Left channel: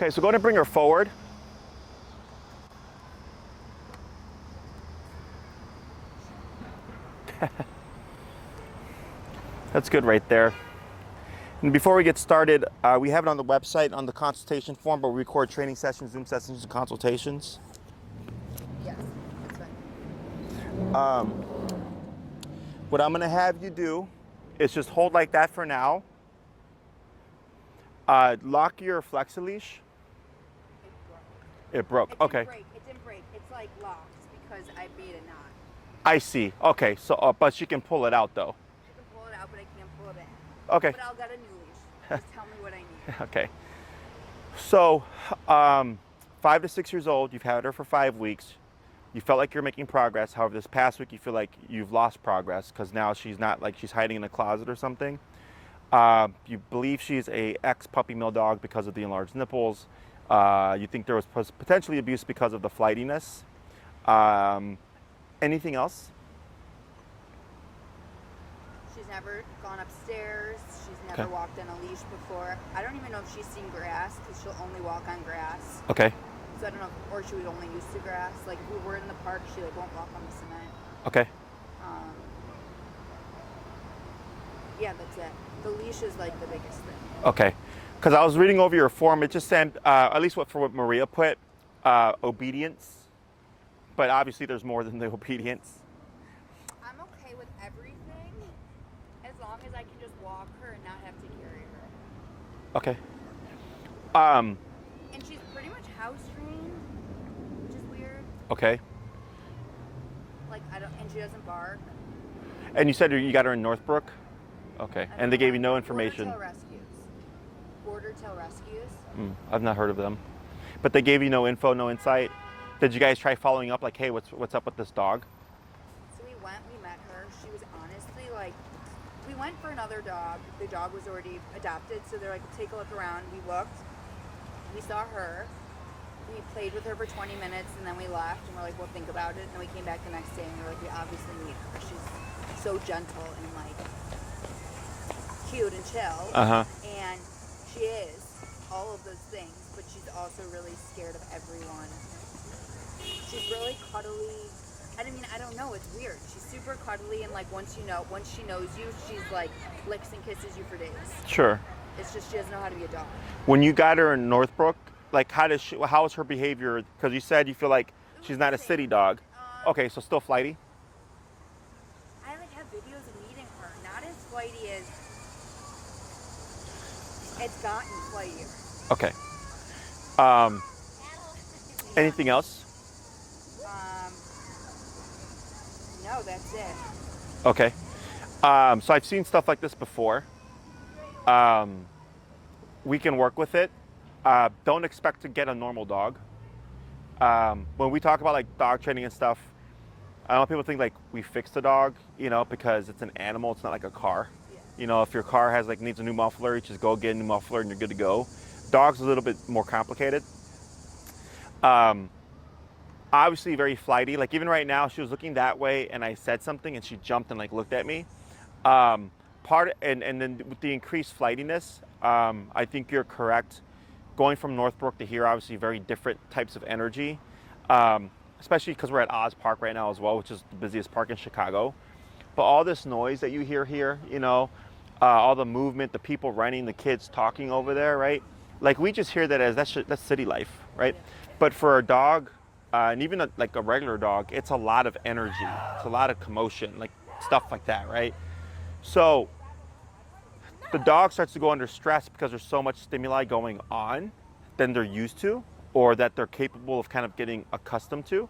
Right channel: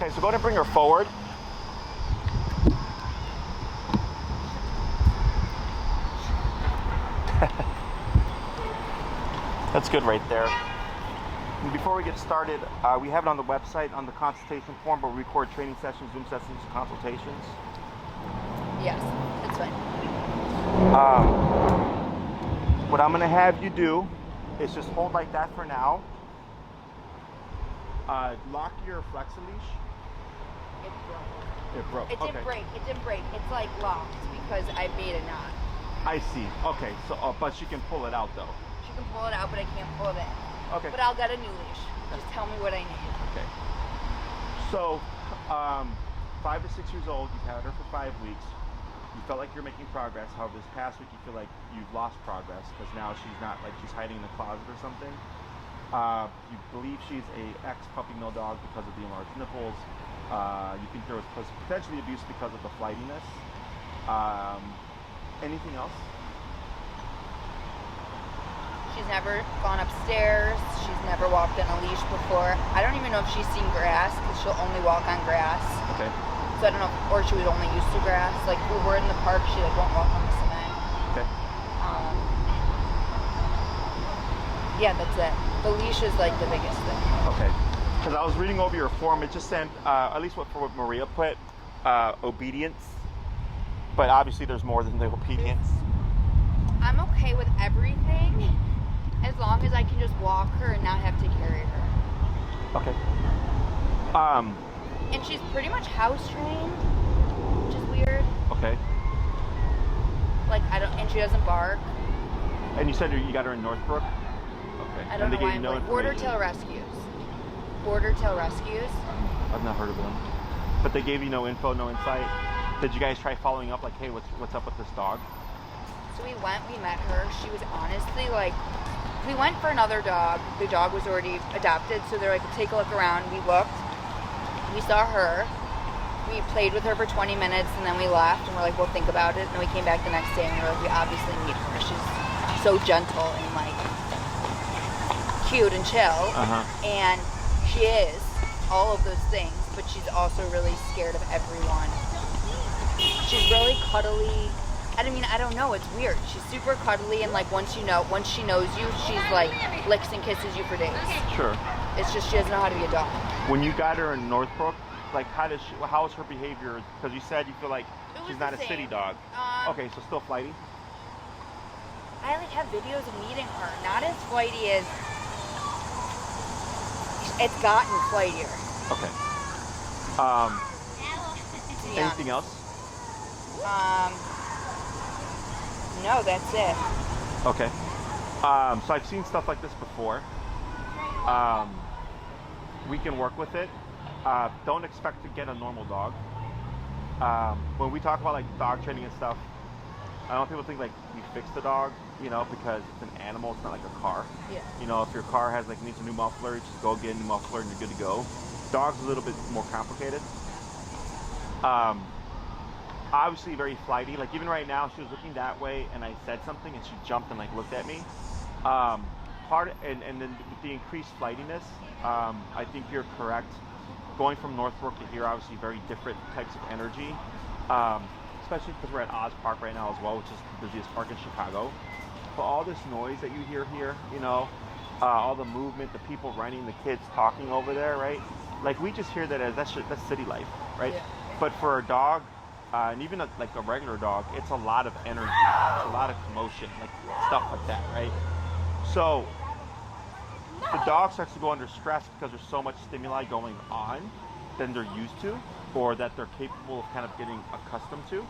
Okay, so go ahead and bring her forward. That's good right there. And before we get started, we have it on the website on the consultation form, but we record training sessions, Zoom sessions, and consultations. Yes, that's fine. What I'm gonna have you do is just hold like that for now. Lock your flexi leash. It broke. It Okay. didn't break. It's like locked because I made a knot. I see. Okay. So, but she can pull it out though. She can pull it out, but I can't pull it in. Okay. But I'll get a new leash. Just tell me what I need. Okay. So, 5 to 6 years old. You've had her for 5 weeks. You felt like you're making progress. However, this past week you feel like you've lost progress because now she's not like she's hiding in the closet or something. You believe she's a ex-puppy mill dog because of the enlarged nipples. You think there was potentially abuse because of the flightiness. Anything else? She's never gone upstairs. She's never walked on a leash before. I don't even know if she's seen grass because she'll only walk on grass. Okay. So I don't know, or she was only used to grass. Like when we're in the park, she like won't walk on the cement. Okay. Yeah, that's it. The leash is like the biggest thing. Okay. Because I was reading over your form, it just said, at least for what Maria put, obedience. But obviously there's more than the obedience. I'm okay with everything as long as I can just walk her and not have to carry her. Okay. And she's pretty much house trained, which is weird. Okay. Like and she doesn't bark. And you said you got her in Northbrook? Okay. And they gave you no information? Border Tail Rescues. Border Tail Rescues. I've not heard of them. But they gave you no info, no insight? Did you guys try following up like, hey, what's up with this dog? So we met her. She was honestly like, we went for another dog. The dog was already adopted, so they're like, take a look around. We looked. We saw her. We played with her for 20 minutes, and then we left, and we're like, we'll think about it. And then we came back the next day, and we were like, we obviously need her. She's so gentle and like cute and chill. And she is all of those things, but she's also really scared of everyone. She's really cuddly. I mean, I don't know, it's weird. She's super cuddly, and like once she knows you, she's like licks and kisses you for days. Sure. It's just she doesn't know how to be a dog. When you got her in Northbrook, like how is her behavior? Because you said you feel like she's not a city dog. Okay, so still flighty? I like have videos of meeting her. Not as flighty as it's gotten flightier. Okay. Anything else? No, that's it. Okay. So I've seen stuff like this before. We can work with it. Don't expect to get a normal dog. When we talk about like dog training and stuff, I know people think like we fixed the dog, because it's an animal, it's not like a car. Yeah. If your car needs a new muffler, you just go get a new muffler and you're good to go. Dogs are a little bit more complicated. Obviously very flighty. Like even right now, she was looking that way and I said something and she jumped and like looked at me. And then with the increased flightiness, I think you're correct. Going from Northbrook to here, obviously very different types of energy. Especially because we're at Oz Park right now as well, which is the busiest park in Chicago. But all this noise that you hear here, all the movement, the people running, the kids talking over there, right? Like we just hear that as that's city life, right? Yeah. But for a dog, and even like a regular dog, it's a lot of energy, it's a lot of commotion, like stuff like that, right? So the dog starts to go under stress because there's so much stimuli going on than they're used to, or that they're capable of kind of getting accustomed to.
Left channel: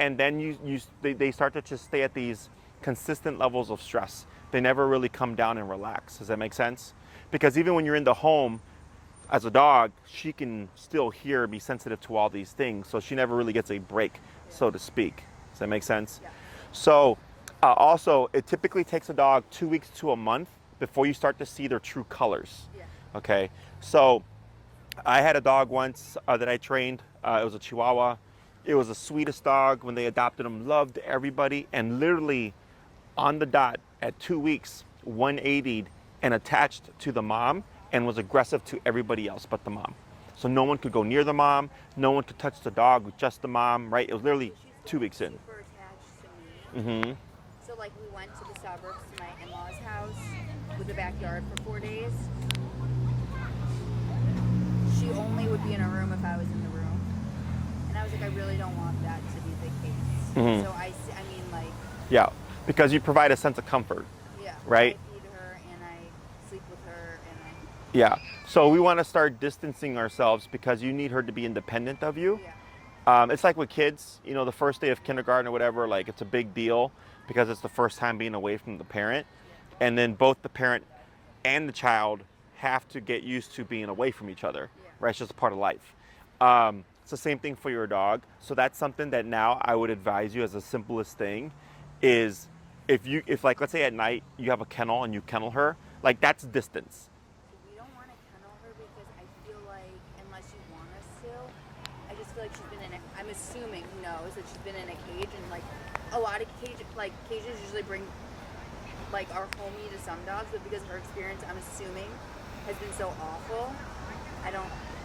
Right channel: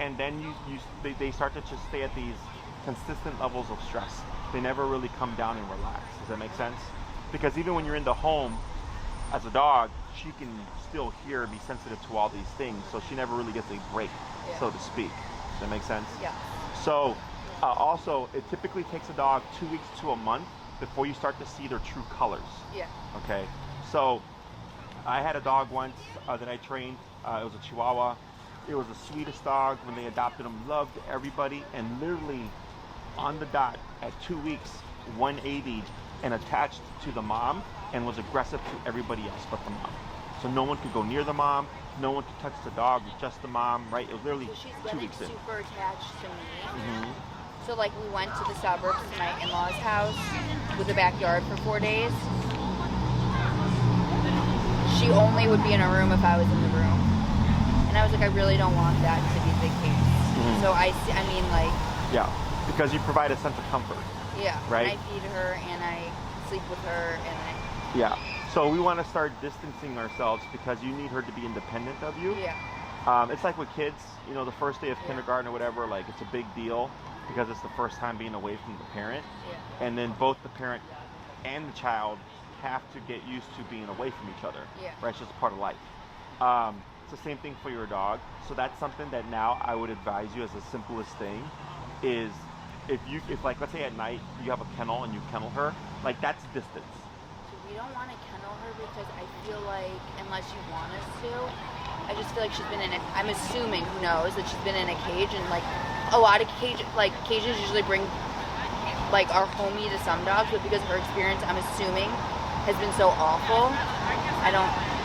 And then they start to just stay at these consistent levels of stress. They never really come down and relax. Does that make sense? Because even when you're in the home as a dog, she can still be sensitive to all these things. So she never really gets a break, so to speak. Does that make sense? Yeah. So also, it typically takes a dog 2 weeks to a month before you start to see their true colors. Yeah. Okay. So I had a dog once that I trained. It was a Chihuahua. It was the sweetest dog. When they adopted him, loved everybody, and literally on the dot at 2 weeks, 180'd and attached to the mom and was aggressive to everybody else but the mom. So no one could go near the mom. No one could touch the dog, just the mom, right? It was literally So she's 2 getting weeks in. super attached to me. Mm-hmm. So like we went to the suburbs to my in-laws' house with a backyard for 4 days. She only would be in a room if I was in the room. And I was like, I really don't want that to be the case. Mm-hmm. So I mean like, Yeah, because you provide a sense of comfort. yeah, Right? I feed her and I sleep with her and Yeah. So we want to start distancing ourselves because you need her to be independent of you. yeah. It's like with kids, you know, the first day of kindergarten or whatever, like it's a big deal because it's the first time being away from the parent. Yeah. And then both the parent and the child have to get used to being away from each other. Yeah. Right? It's just a part of life. It's the same thing for your dog. So that's something that now I would advise you as the simplest thing is if like, let's say at night you have a kennel and you kennel her, like that's distance. So we don't want to kennel her because I feel like unless you want us to, I just feel like she's been in it. I'm assuming, who knows, that she's been in a cage and like a lot of cages usually bring like are homey to some dogs, but because her experience, I'm assuming, has been so awful,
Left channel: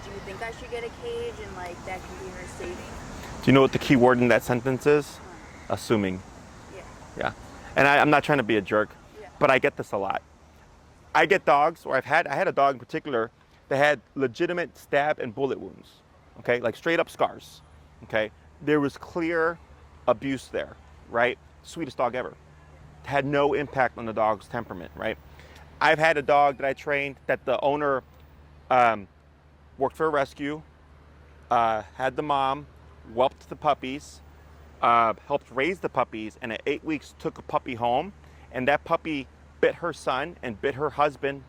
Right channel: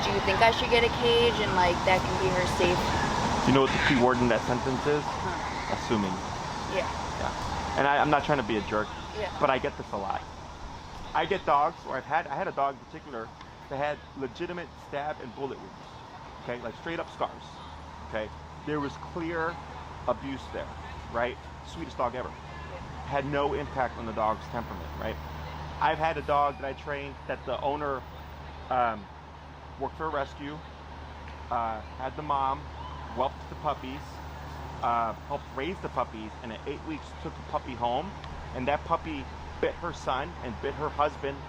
do you think I should get a cage and like that can be her safe? Do you know what the key word in that sentence is? Huh. Assuming. Yeah. Yeah. And I'm not trying to be a jerk, Yeah. but I get this a lot. I get dogs, or I had a dog in particular that had legitimate stab and bullet wounds. Okay, like straight up scars. Okay, there was clear abuse there, right? Sweetest dog ever. Had no impact on the dog's temperament, right? I've had a dog that I trained that the owner worked for a rescue, had the mom, whelped the puppies, helped raise the puppies, and at 8 weeks took a puppy home, and that puppy bit her son and bit her husband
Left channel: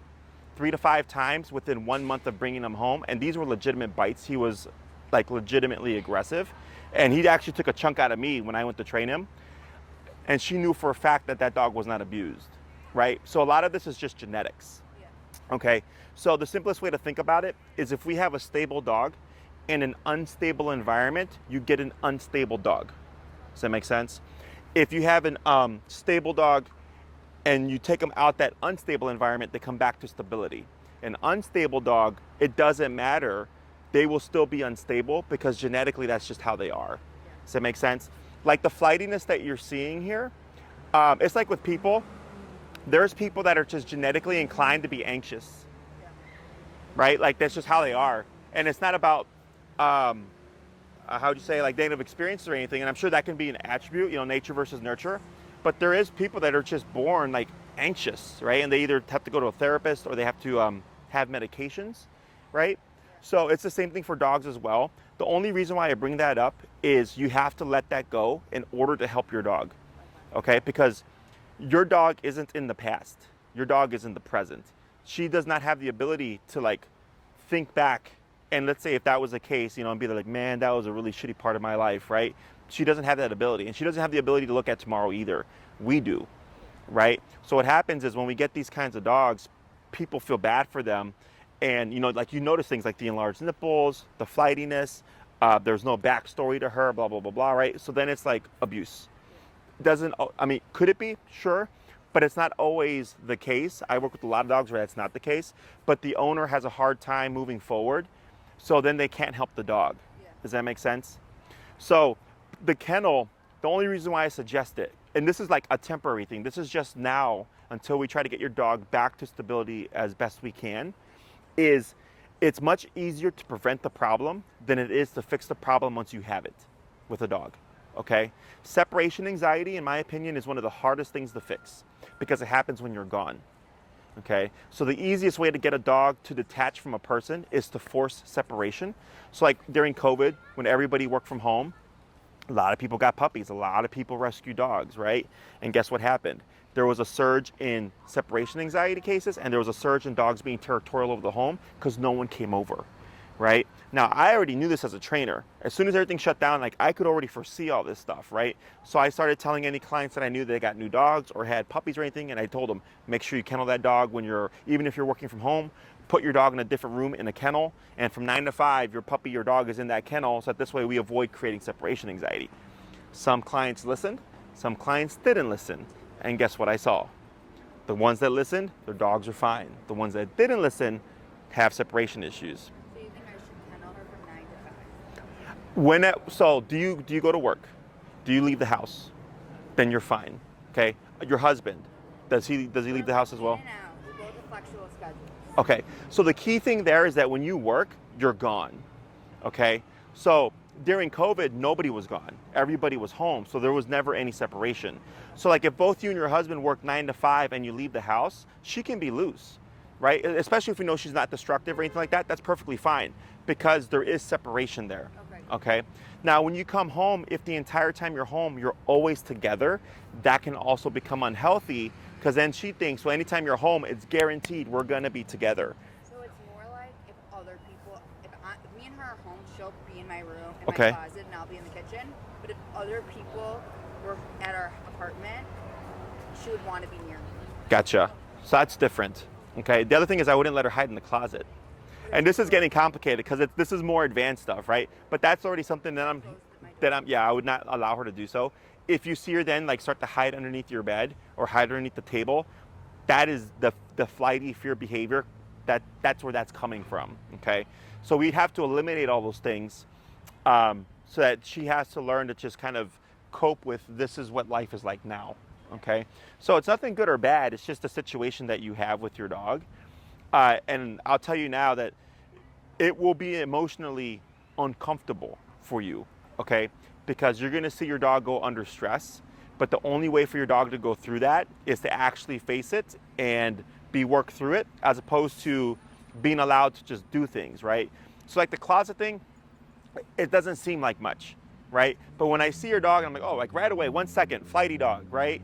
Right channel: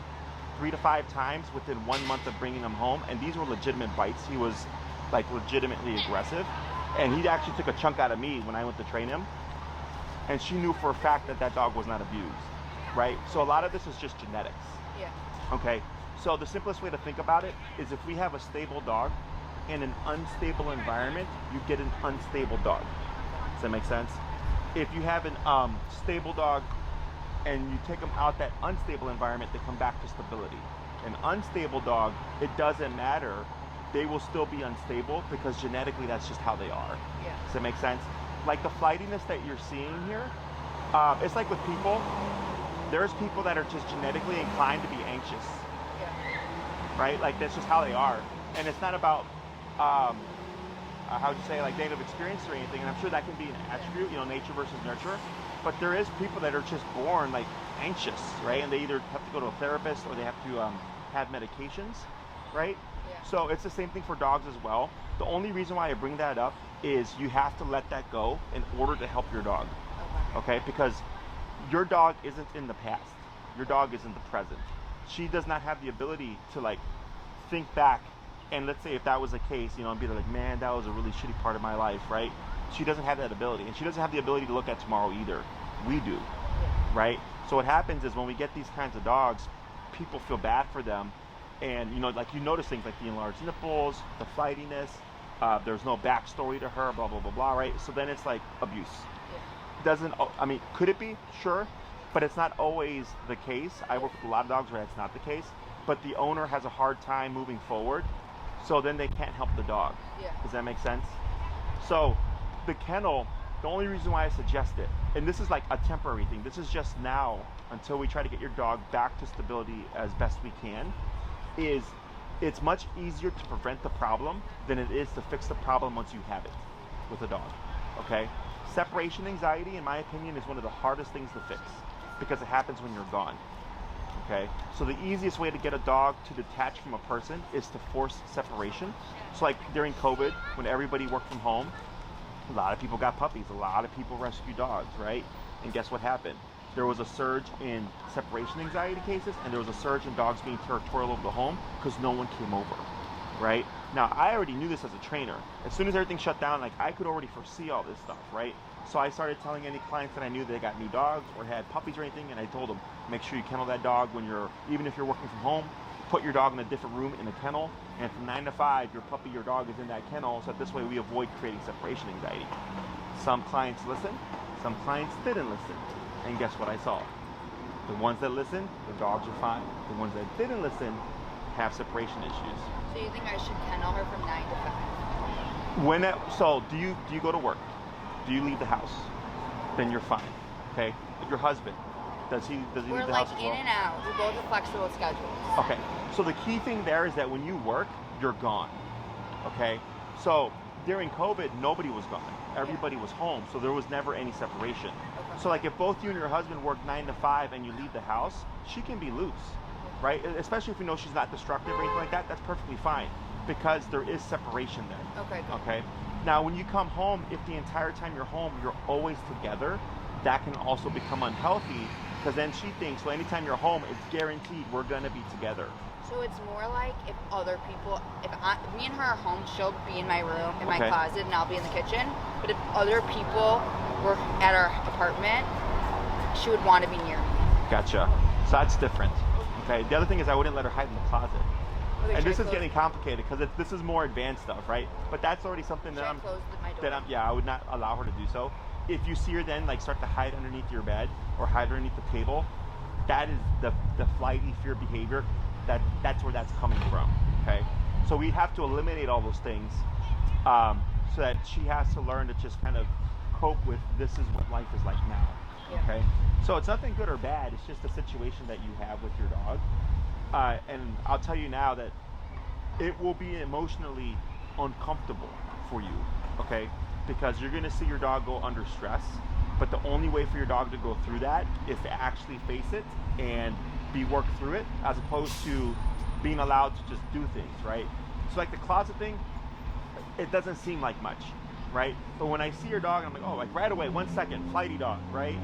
3 to 5 times within 1 month of bringing him home, and these were legitimate bites. He was like legitimately aggressive, and he actually took a chunk out of me when I went to train him, and she knew for a fact that that dog was not abused, right? So a lot of this is just genetics. Yeah. Okay, so the simplest way to think about it is if we have a stable dog in an unstable environment, you get an unstable dog. Does that make sense? If you have an stable dog and you take them out that unstable environment, they come back to stability. An unstable dog, it doesn't matter. They will still be unstable because genetically that's just how they are. Yeah. Does that make sense? Like the flightiness that you're seeing here, it's like with people. There's people that are just genetically inclined to be anxious, Yeah. right? Like that's just how they are. And it's not about, how would you say, like negative experience or anything. And I'm sure that can be an attribute, you know, nature versus nurture. But there is people that are just born like anxious, right? And they either have to go to a therapist or they have to have medications, right? Yeah. So it's the same thing for dogs as well. The only reason why I bring that up is you have to let that go in order to help your dog, okay? Because your dog isn't in the past. Your dog is in the present. She does not have the ability to like think back and let's say if that was the case, you know, and be like, man, that was a really shitty part of my life, right? She doesn't have that ability, and she doesn't have the ability to look at tomorrow either. We do, right? So what happens is when we get these kinds of dogs, people feel bad for them, and you know, like you notice things like the enlarged nipples, the flightiness, there's no backstory to her, blah, blah, blah, blah, right? So then it's like abuse. Doesn't, I mean, could it be? Sure, but it's not always the case. I work with a lot of dogs where that's not the case, but the owner has a hard time moving forward, so then they can't help the dog. Yeah. Does that make sense? So the kennel, the only reason why I suggest it, and this is like a temporary thing, this is just now until we try to get your dog back to stability as best we can, is it's much easier to prevent the problem than it is to fix the problem once you have it with a dog, okay? Separation anxiety, in my opinion, is one of the hardest things to fix because it happens when you're gone, okay? So the easiest way to get a dog to detach from a person is to force separation. So like during COVID, when everybody worked from home, a lot of people got puppies, a lot of people rescued dogs, right? And guess what happened? There was a surge in separation anxiety cases, and there was a surge in dogs being territorial over the home because no one came over, right? Now, I already knew this as a trainer. As soon as everything shut down, like I could already foresee all this stuff, right? So I started telling any clients that I knew they got new dogs or had puppies or anything, and I told them, make sure you kennel that dog when even if you're working from home, put your dog in a different room in a kennel, and from 9 to 5, your puppy, your dog is in that kennel, so that this way we avoid creating separation anxiety. Some clients listened, some clients didn't listen, and guess what I saw? The ones that listened, their dogs are fine. The ones that didn't listen have separation issues. So you think I should kennel her from 9 to 5? So do you go to work? Do you leave the house? Then you're fine. Okay. Your husband, does he leave the house as well? In and out. We both have flexible schedules. Okay. So the key thing there is that when you work, you're gone. Okay. So during COVID, nobody was gone. Everybody was home. So there was never any separation. So like if both you and your husband work 9 to 5 and you leave the house, she can be loose, right? Especially if we know she's not destructive or anything like that, that's perfectly fine because there is separation there. Okay. Okay. Now when you come home, if the entire time you're home, you're always together, that can also become unhealthy because then she thinks, well, anytime you're home, it's guaranteed we're gonna be together. So it's more like if other people, if me and her are home, she'll be in my room, in my Okay. closet, and I'll be in the kitchen. But if other people were at our apartment, she would want to be near me. Gotcha. So that's different. Okay. The other thing is I wouldn't let her hide in the closet. And this is getting complicated because this is more advanced stuff, right? But that's already something that I would not allow her to do so. If you see her then like start to hide underneath your bed or hide underneath the table, that is the flighty fear behavior. That's where that's coming from. Okay. So we have to eliminate all those things so that she has to learn to just kind of cope with this is what life is like now. Okay. So it's nothing good or bad. It's just a situation that you have with your dog. And I'll tell you now that it will be emotionally uncomfortable for you, okay? Because you're gonna see your dog go under stress, but the only way for your dog to go through that is to actually face it and be worked through it, as opposed to being allowed to just do things, right? So like the closet thing, it doesn't seem like much, right? But when I see your dog, I'm like, oh, like right away, 1 second, flighty dog, right?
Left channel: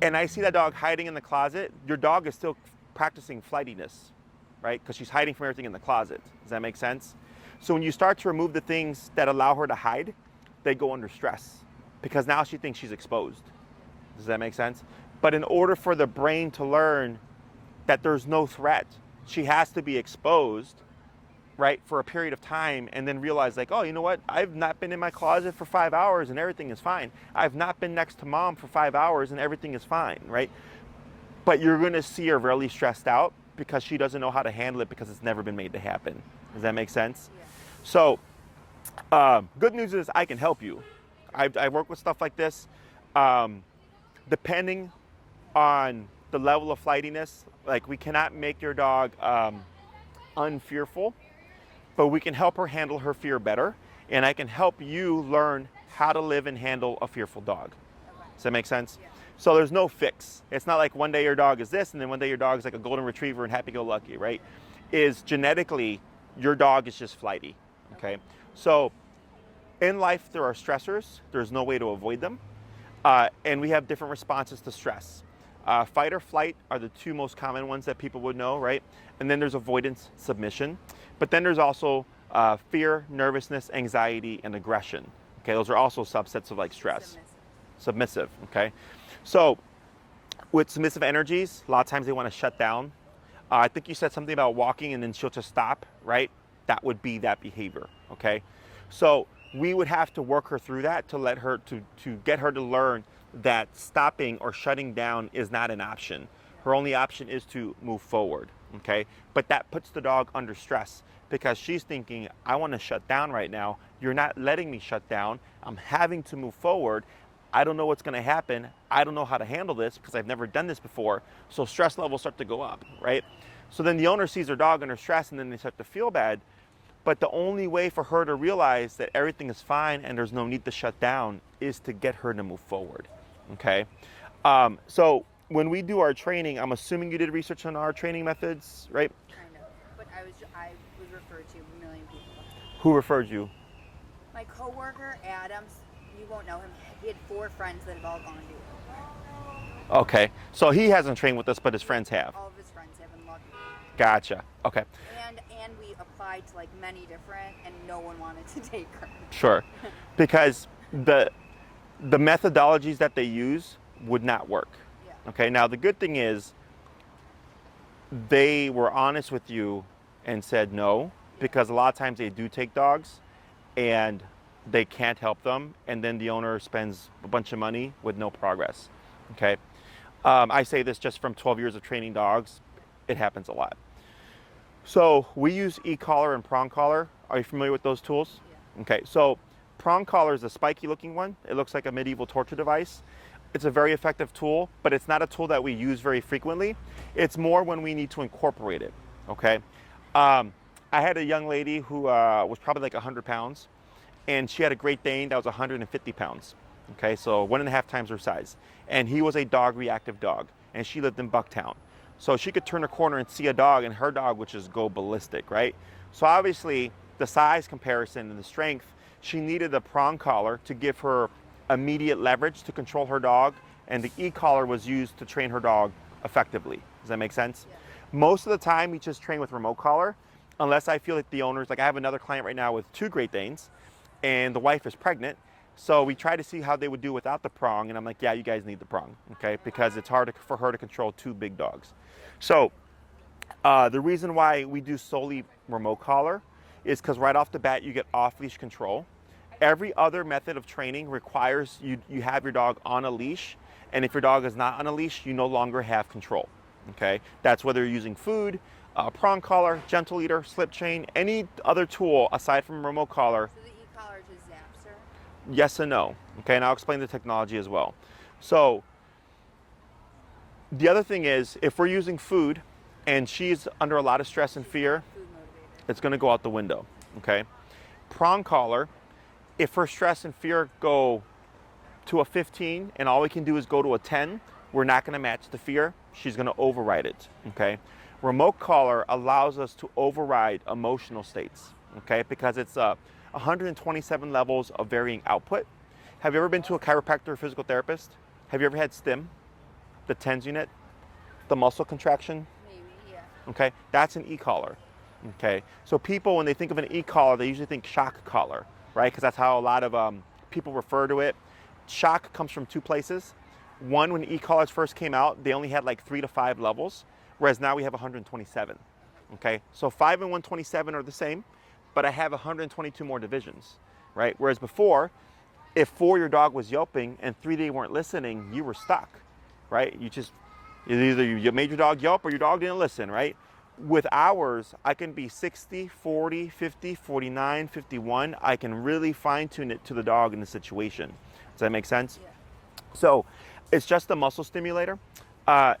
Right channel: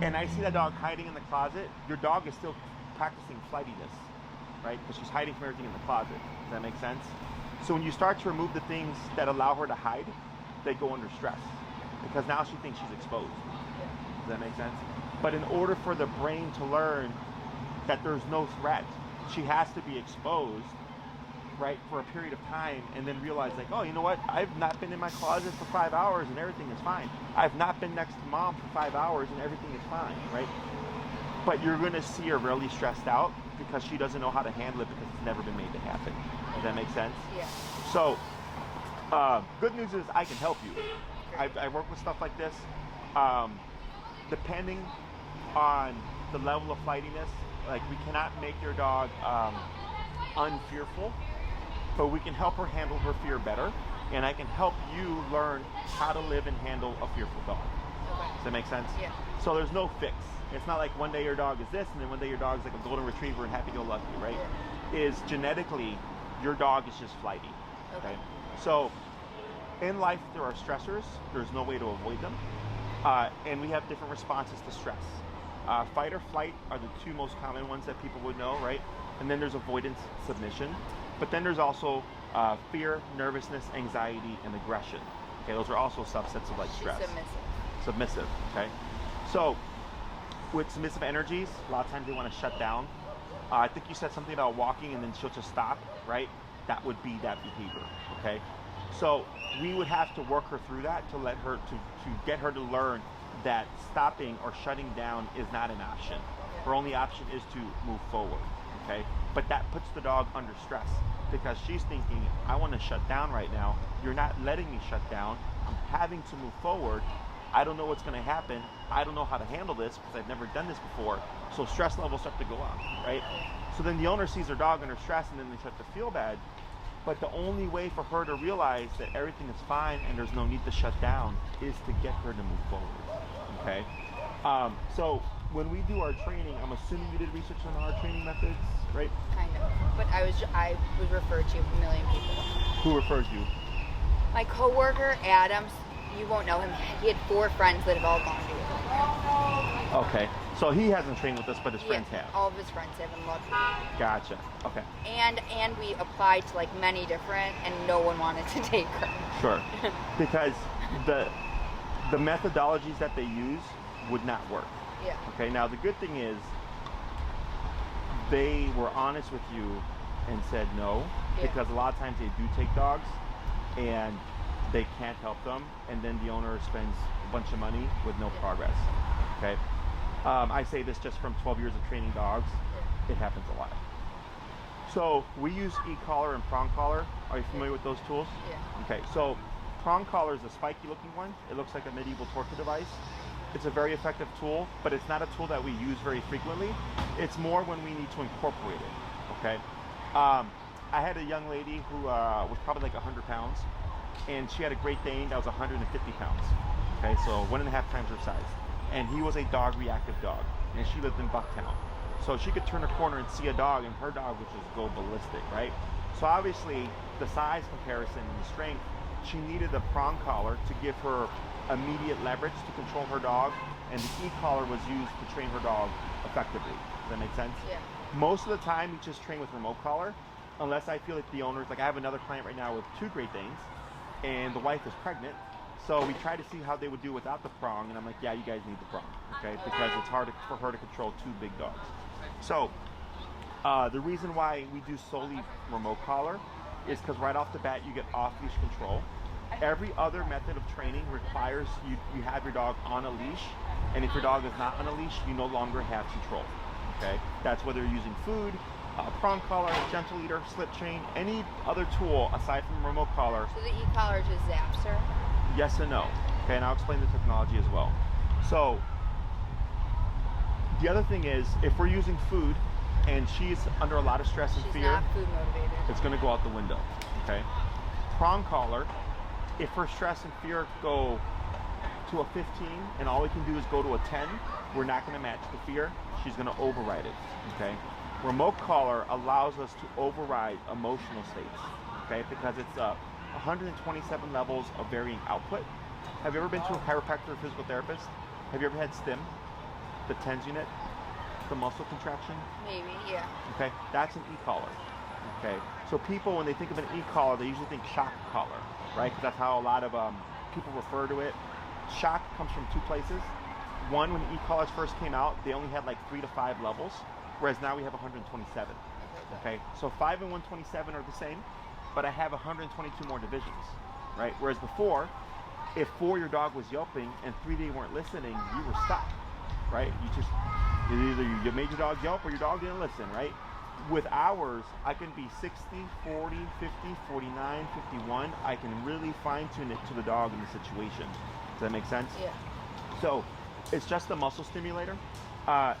And I see that dog hiding in the closet, your dog is still practicing flightiness, right? Because she's hiding from everything in the closet. Does that make sense? So when you start to remove the things that allow her to hide, they go under stress because now she thinks she's exposed. Does that make sense? But in order for the brain to learn that there's no threat, she has to be exposed, right, for a period of time and then realize like, oh, you know what? I've not been in my closet for 5 hours and everything is fine. I've not been next to mom for 5 hours and everything is fine, right? But you're gonna see her really stressed out because she doesn't know how to handle it because it's never been made to happen. Does that make sense? Yeah. So, good news is I can help you. I work with stuff like this. Depending on the level of flightiness, like we cannot make your dog unfearful, but we can help her handle her fear better, and I can help you learn how to live and handle a fearful dog. Okay. Does that make sense? Yeah. So there's no fix. It's not like one day your dog is this and then one day your dog is like a golden retriever and happy-go-lucky, right? Is genetically, your dog is just flighty, okay? So in life, there are stressors. There's no way to avoid them. And we have different responses to stress. Fight or flight are the two most common ones that people would know, right? And then there's avoidance, submission. But then there's also fear, nervousness, anxiety, and aggression. Okay, those are also subsets of like stress. Submissive, okay? So with submissive energies, a lot of times they want to shut down. I think you said something about walking and then she'll just stop, right? That would be that behavior, okay? So we would have to work her through that to let her, to get her to learn that stopping or shutting down is not an option. Her only option is to move forward, okay? But that puts the dog under stress because she's thinking, I want to shut down right now. You're not letting me shut down. I'm having to move forward. I don't know what's going to happen. I don't know how to handle this because I've never done this before. So stress levels start to go up, right? So then the owner sees their dog under stress and then they start to feel bad. But the only way for her to realize that everything is fine and there's no need to shut down is to get her to move forward, okay? So when we do our training, I'm assuming you did research on our training methods, right? Kind of. But I was referred to a million people. Who referred you? My coworker, Adam, you won't know him. He had 4 friends that have all gone to it. Okay, so he hasn't trained with us, but his friends have. All of his friends have and loved me. Gotcha. Okay. And we applied to like many different, and no one wanted to take her. Sure, because the methodologies that they use would not work. Yeah. Okay. Now the good thing is they were honest with you and said no, because a lot of times they do take dogs, and they can't help them, and then the owner spends a bunch of money with no progress. Okay. I say this just from 12 years of training dogs. It happens a lot. So we use e-collar and prong collar. Are you familiar with those tools? Yeah. Okay, so prong collar is a spiky looking one. It looks like a medieval torture device. It's a very effective tool, but it's not a tool that we use very frequently. It's more when we need to incorporate it, okay? I had a young lady who was probably like 100 pounds, and she had a Great Dane that was 150 pounds, okay? So 1.5 times her size. And he was a dog reactive dog, and she lived in Bucktown. So she could turn a corner and see a dog, and her dog would just go ballistic, right? So obviously, the size comparison, the strength, she needed a prong collar to give her immediate leverage to control her dog, and the e-collar was used to train her dog effectively. Does that make sense? Yeah. Most of the time, we just train with remote collar, unless I feel like the owners, like I have another client right now with 2 Great Danes, and the wife is pregnant, so we try to see how they would do without the prong, and I'm like, yeah, you guys need the prong, okay? Because it's hard for her to control 2 big dogs. So the reason why we do solely remote collar is because right off the bat, you get off-leash control. Every other method of training requires you have your dog on a leash, and if your dog is not on a leash, you no longer have control, okay? That's whether you're using food, prong collar, gentle leader, slip chain, any other tool aside from remote collar. So the e-collar just zaps her? Yes and no, okay? And I'll explain the technology as well. So the other thing is, if we're using food and she's under a lot of stress and fear, not food motivated. it's gonna go out the window, okay? Prong collar, if her stress and fear go to a 15 and all we can do is go to a 10, we're not gonna match the fear, she's gonna override it, okay? Remote collar allows us to override emotional states, okay? Because it's 127 levels of varying output. Have you ever been to a chiropractor or physical therapist? Have you ever had STIM, the TENS unit, the muscle contraction? Maybe, yeah. Okay, that's an e-collar. Okay, so people, when they think of an e-collar, they usually think shock collar, right? Because that's how a lot of people refer to it. Shock comes from 2 places. One, when e-collars first came out, they only had like 3 to 5 levels, whereas now we have 127. Okay, so 5 and 127 are the same, but I have 122 more divisions, right? Whereas before, if 4 your dog was yelping and 3 they weren't listening, you were stuck, right? Either you made your dog yelp or your dog didn't listen, right? With ours, I can be 60, 40, 50, 49, 51. I can really fine tune it to the dog in the situation. Does that make sense? Yeah. So it's just a muscle stimulator.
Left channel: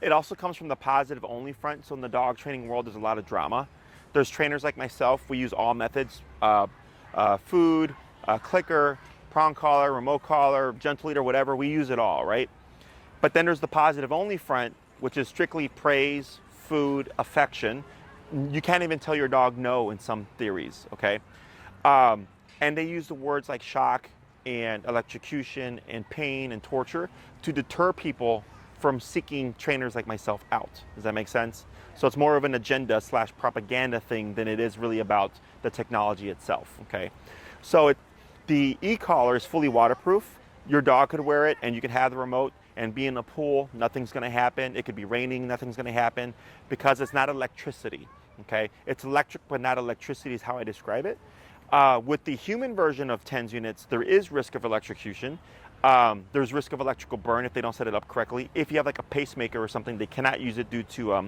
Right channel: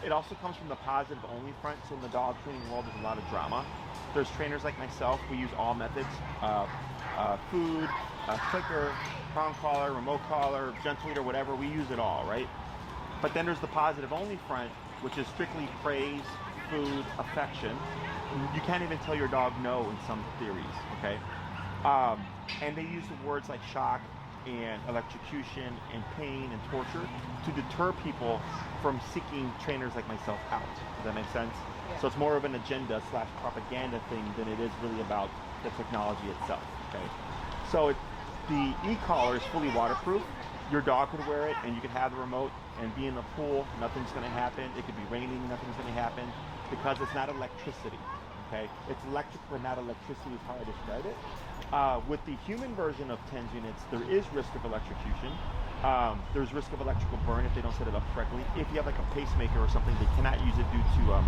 It also comes from the positive only front. So in the dog training world, there's a lot of drama. There's trainers like myself. We use all methods, food, clicker, prong collar, remote collar, gentle leader, whatever. We use it all, right? But then there's the positive only front, which is strictly praise, food, affection. You can't even tell your dog no in some theories, okay? And they use the words like shock and electrocution and pain and torture to deter people from seeking trainers like myself out. Does that make sense? Yeah. So it's more of an agenda / propaganda thing than it is really about the technology itself, okay? So the e-collar is fully waterproof. Your dog could wear it and you can have the remote and be in the pool, nothing's gonna happen. It could be raining, nothing's gonna happen because it's not electricity, okay? It's electric, but not electricity is how I describe it. With the human version of TENS units, there is risk of electrocution. There's risk of electrical burn if they don't set it up correctly. If you have like a pacemaker or something, they cannot use it due to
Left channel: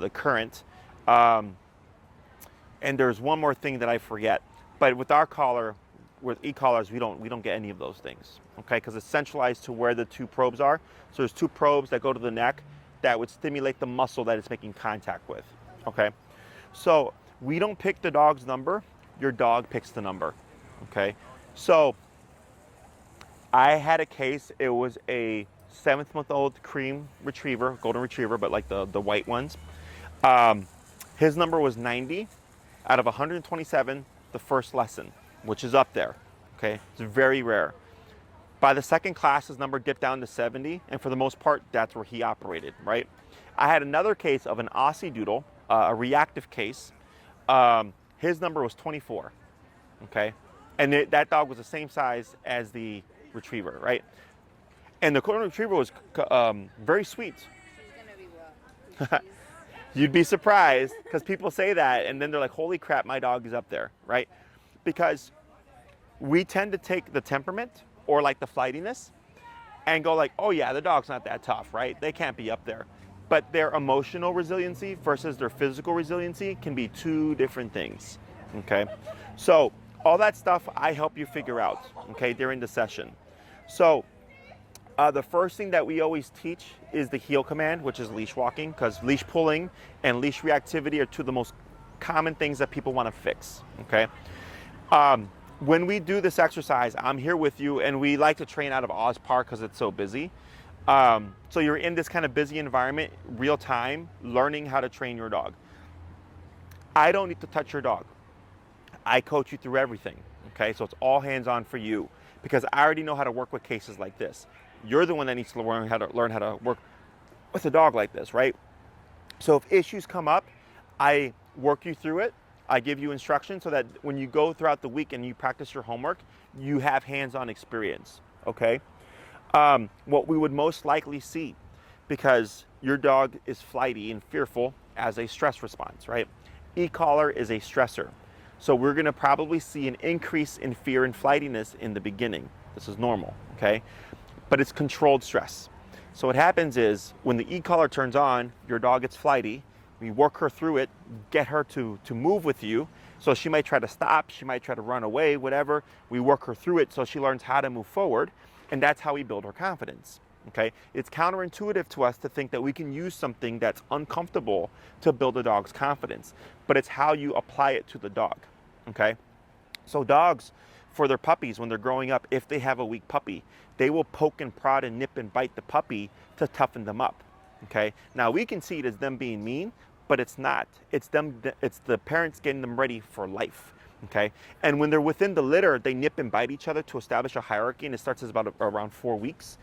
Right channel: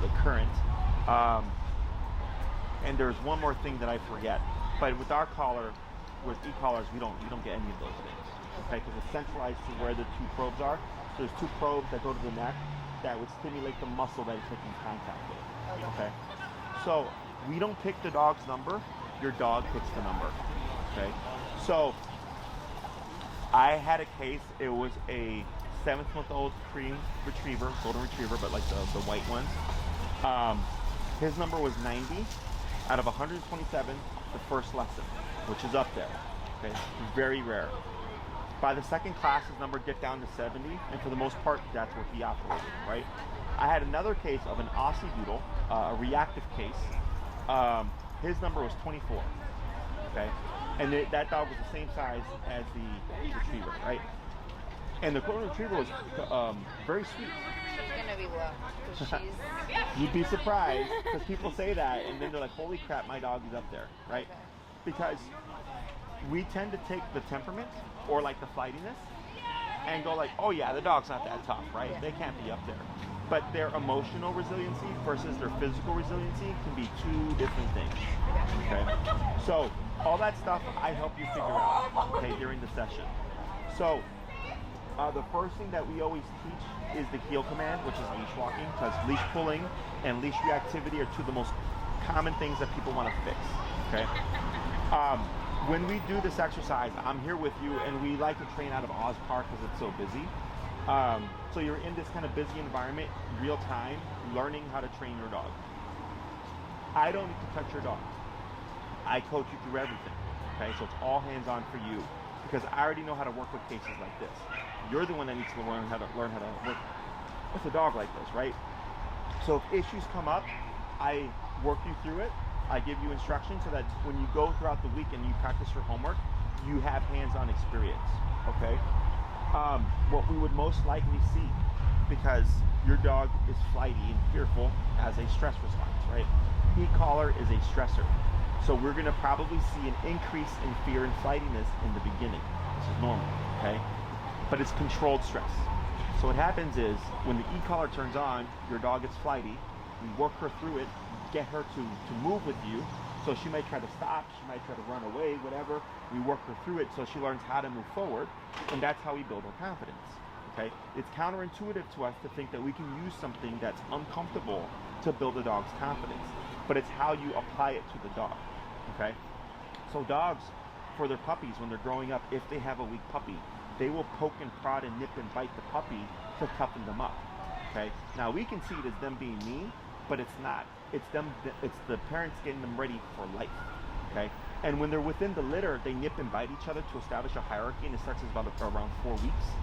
the current. And there's one more thing that I forget, but with our collar, with e-collars, we don't get any of those things, okay? Because it's centralized to where the 2 probes are. So there's 2 probes that go to the neck that would stimulate the muscle that it's making contact with, okay? So we don't pick the dog's number, your dog picks the number, okay? So I had a case, it was a 7-month-old cream retriever, golden retriever, but like the white ones. His number was 90 out of 127 the first lesson, which is up there, okay? It's very rare. By the second class, his number dipped down to 70, and for the most part, that's where he operated, right? I had another case of an Aussie Doodle, a reactive case. His number was 24, okay? And that dog was the same size as the retriever, right? And the golden retriever was very sweet. She's gonna be low. 'Cause she's You'd be surprised, because people say that, and then they're like, holy crap, my dog is up there, right? Because we tend to take the temperament, or like the flightiness, and go like, oh yeah, the dog's not that tough, right? They can't be up there. but their emotional resiliency versus their physical resiliency can be two different things, okay? So all that stuff I help you figure out, okay, during the session. So the first thing that we always teach is the heel command, which is leash walking, because leash pulling and leash reactivity are two of the most common things that people want to fix, okay? When we do this exercise, I'm here with you, and we like to train out of Oz Park because it's so busy. So you're in this kind of busy environment, real time, learning how to train your dog. I don't need to touch your dog. I coach you through everything, okay? So it's all hands-on for you because I already know how to work with cases like this. You're the one that needs to learn how to work with a dog like this, right? So if issues come up, I work you through it. I give you instructions so that when you go throughout the week and you practice your homework, you have hands-on experience, okay? What we would most likely see, because your dog is flighty and fearful as a stress response, right? E-collar is a stressor. So we're gonna probably see an increase in fear and flightiness in the beginning. This is normal, okay? But it's controlled stress. So what happens is when the e-collar turns on, your dog gets flighty, we work her through it, get her to move with you. So she might try to stop, she might try to run away, whatever. We work her through it so she learns how to move forward, and that's how we build her confidence, okay? It's counterintuitive to us to think that we can use something that's uncomfortable to build a dog's confidence, but it's how you apply it to the dog, okay? So dogs, for their puppies, when they're growing up, if they have a weak puppy, they will poke and prod and nip and bite the puppy to toughen them up, okay? Now we can see it as them being mean, but it's not. It's the parents getting them ready for life, okay? And when they're within the litter, they nip and bite each other to establish a hierarchy, and it starts as about around 4 weeks.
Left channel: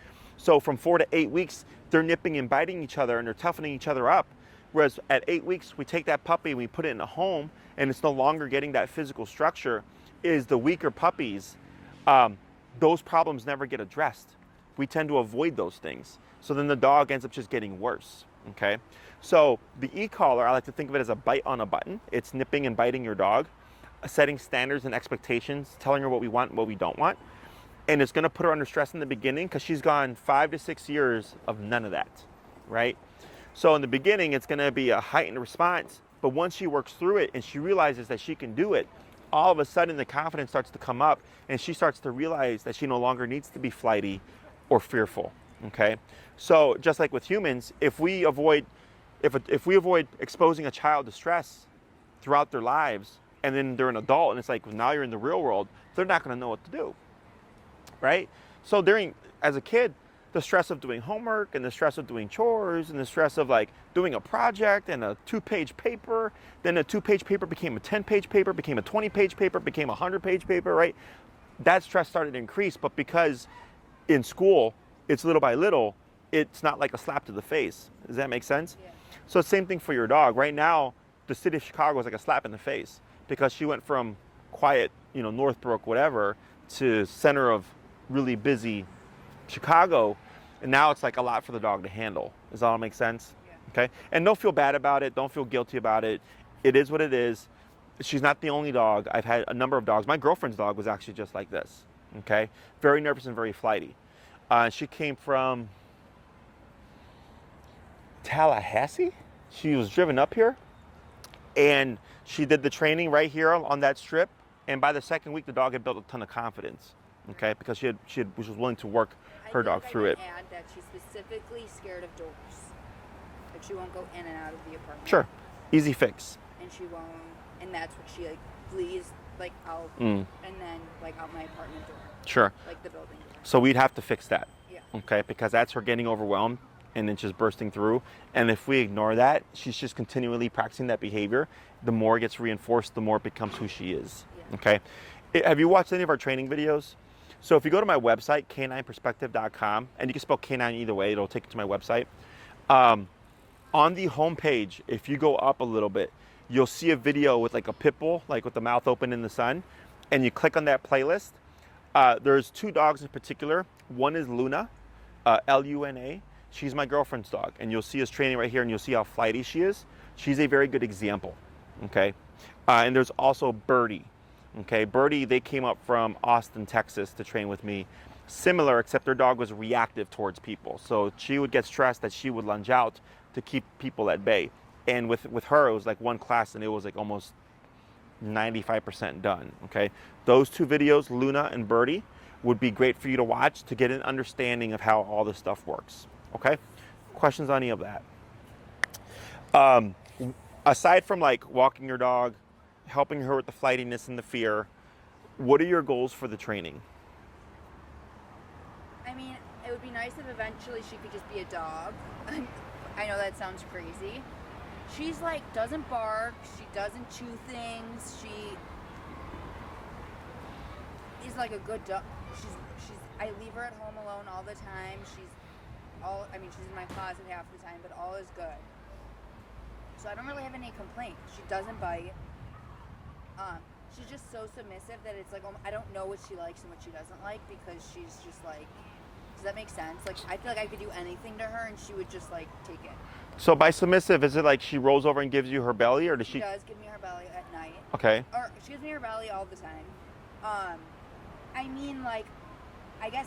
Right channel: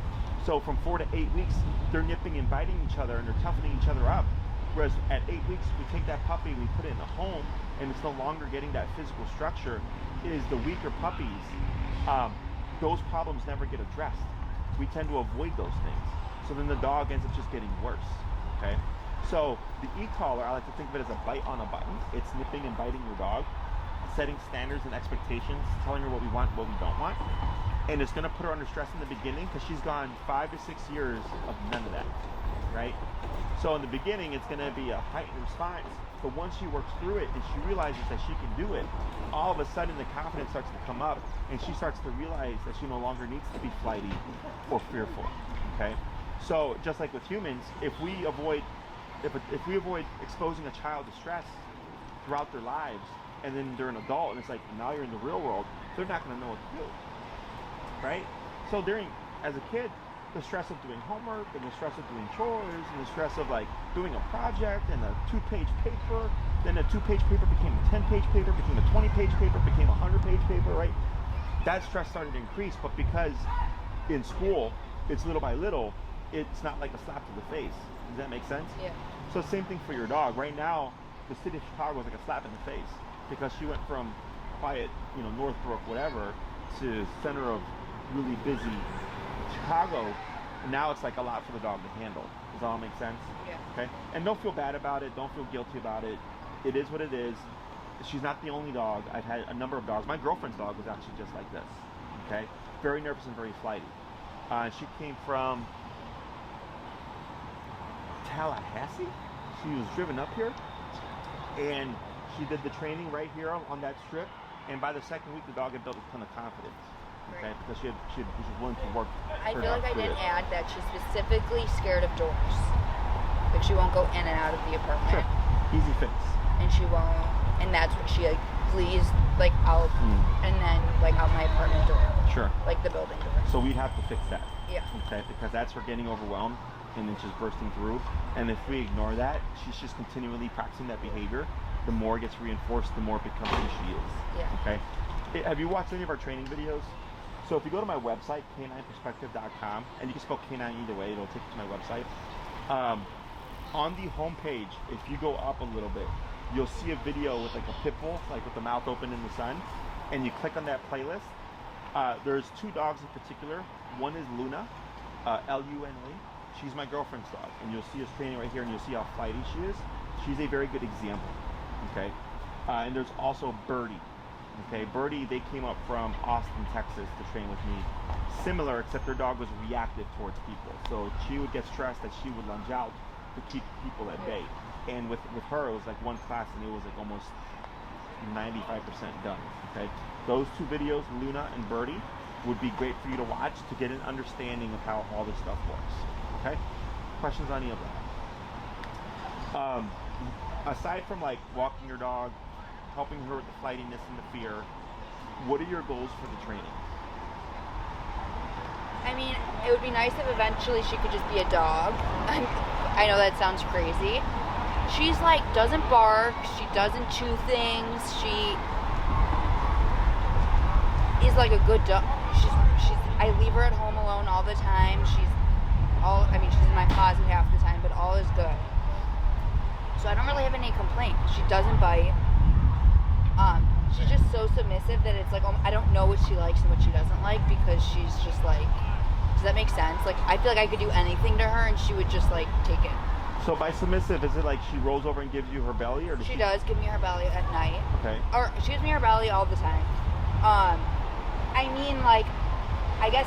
So from 4 to 8 weeks, they're nipping and biting each other and they're toughening each other up. Whereas at 8 weeks, we take that puppy and we put it in a home, and it's no longer getting that physical structure. Is the weaker puppies, those problems never get addressed. We tend to avoid those things. So then the dog ends up just getting worse, okay? So the e-collar, I like to think of it as a bite on a button. It's nipping and biting your dog, setting standards and expectations, telling her what we want, what we don't want. And it's gonna put her under stress in the beginning because she's gone 5 to 6 years of none of that, right? So in the beginning, it's gonna be a heightened response, but once she works through it and she realizes that she can do it, all of a sudden the confidence starts to come up and she starts to realize that she no longer needs to be flighty or fearful, okay? So just like with humans, if we avoid exposing a child to stress throughout their lives, and then they're an adult and it's like, now you're in the real world, they're not gonna know what to do, right? So as a kid, the stress of doing homework and the stress of doing chores and the stress of like doing a project and a 2-page paper, then a 2-page paper became a 10-page paper, became a 20-page paper, became a 100-page paper, right? That stress started to increase, but because in school, it's little by little, it's not like a slap to the face. Does that make sense? Yeah. So same thing for your dog. Right now, the city of Chicago is like a slap in the face because she went from quiet, Northbrook, whatever, to center of really busy Chicago, and now it's like a lot for the dog to handle. Does that all make sense? Yeah. Okay? And don't feel bad about it. Don't feel guilty about it. It is what it is. She's not the only dog. I've had a number of dogs. My girlfriend's dog was actually just like this. Okay? Very nervous and very flighty. She came from Tallahassee. She was driven up here, and she did the training right here on that strip. And by the second week, the dog had built a ton of confidence. Okay, Right. because she was willing to work her dog through I it. didn't add that she's specifically scared of doors. Like she won't go in and out of the apartment. Sure, easy fix. And she won't. And that's when she flees out and then out my apartment door. Sure. Like the building door. So we'd have to fix that. Yeah. Okay, because that's her getting overwhelmed and then just bursting through. And if we ignore that, she's just continually practicing that behavior. The more it gets reinforced, the more it becomes who she is. Yeah. Okay. Have you watched any of our training videos? So if you go to my website, canineperspective.com, and you can spell canine either way, it'll take you to my website. On the homepage, if you go up a little bit, you'll see a video with like a pit bull, like with the mouth open in the sun, and you click on that playlist. There's 2 dogs in particular. One is Luna, Luna. She's my girlfriend's dog, and you'll see us training right here, and you'll see how flighty she is. She's a very good example, okay? And there's also Birdie. Okay, Birdie, they came up from Austin, Texas to train with me. Similar, except their dog was reactive towards people. So she would get stressed that she would lunge out, to keep people at bay. And with her, it was like one class and it was like almost 95% done, okay? Those 2 videos, Luna and Birdie, would be great for you to watch to get an understanding of how all this stuff works, okay? Questions on any of that? Aside from like walking your dog, helping her with the flightiness and the fear, what are your goals for the training? I mean, it would be nice if eventually she could just be a dog. I know that sounds crazy. She's like, doesn't bark, she doesn't chew things, she is like a good dog. I leave her at home alone all the time. She's in my closet half the time, but all is good. So I don't really have any complaints. She doesn't bite. She's just so submissive that it's like, I don't know what she likes and what she doesn't like because she's just like, does that make sense? Like, I feel like I could do anything to her and she would just like take it. So by submissive, is it like she rolls over and gives you her belly, or does she? She does give me her belly at night. Okay. Or she gives me her belly all the time. I mean, like, I guess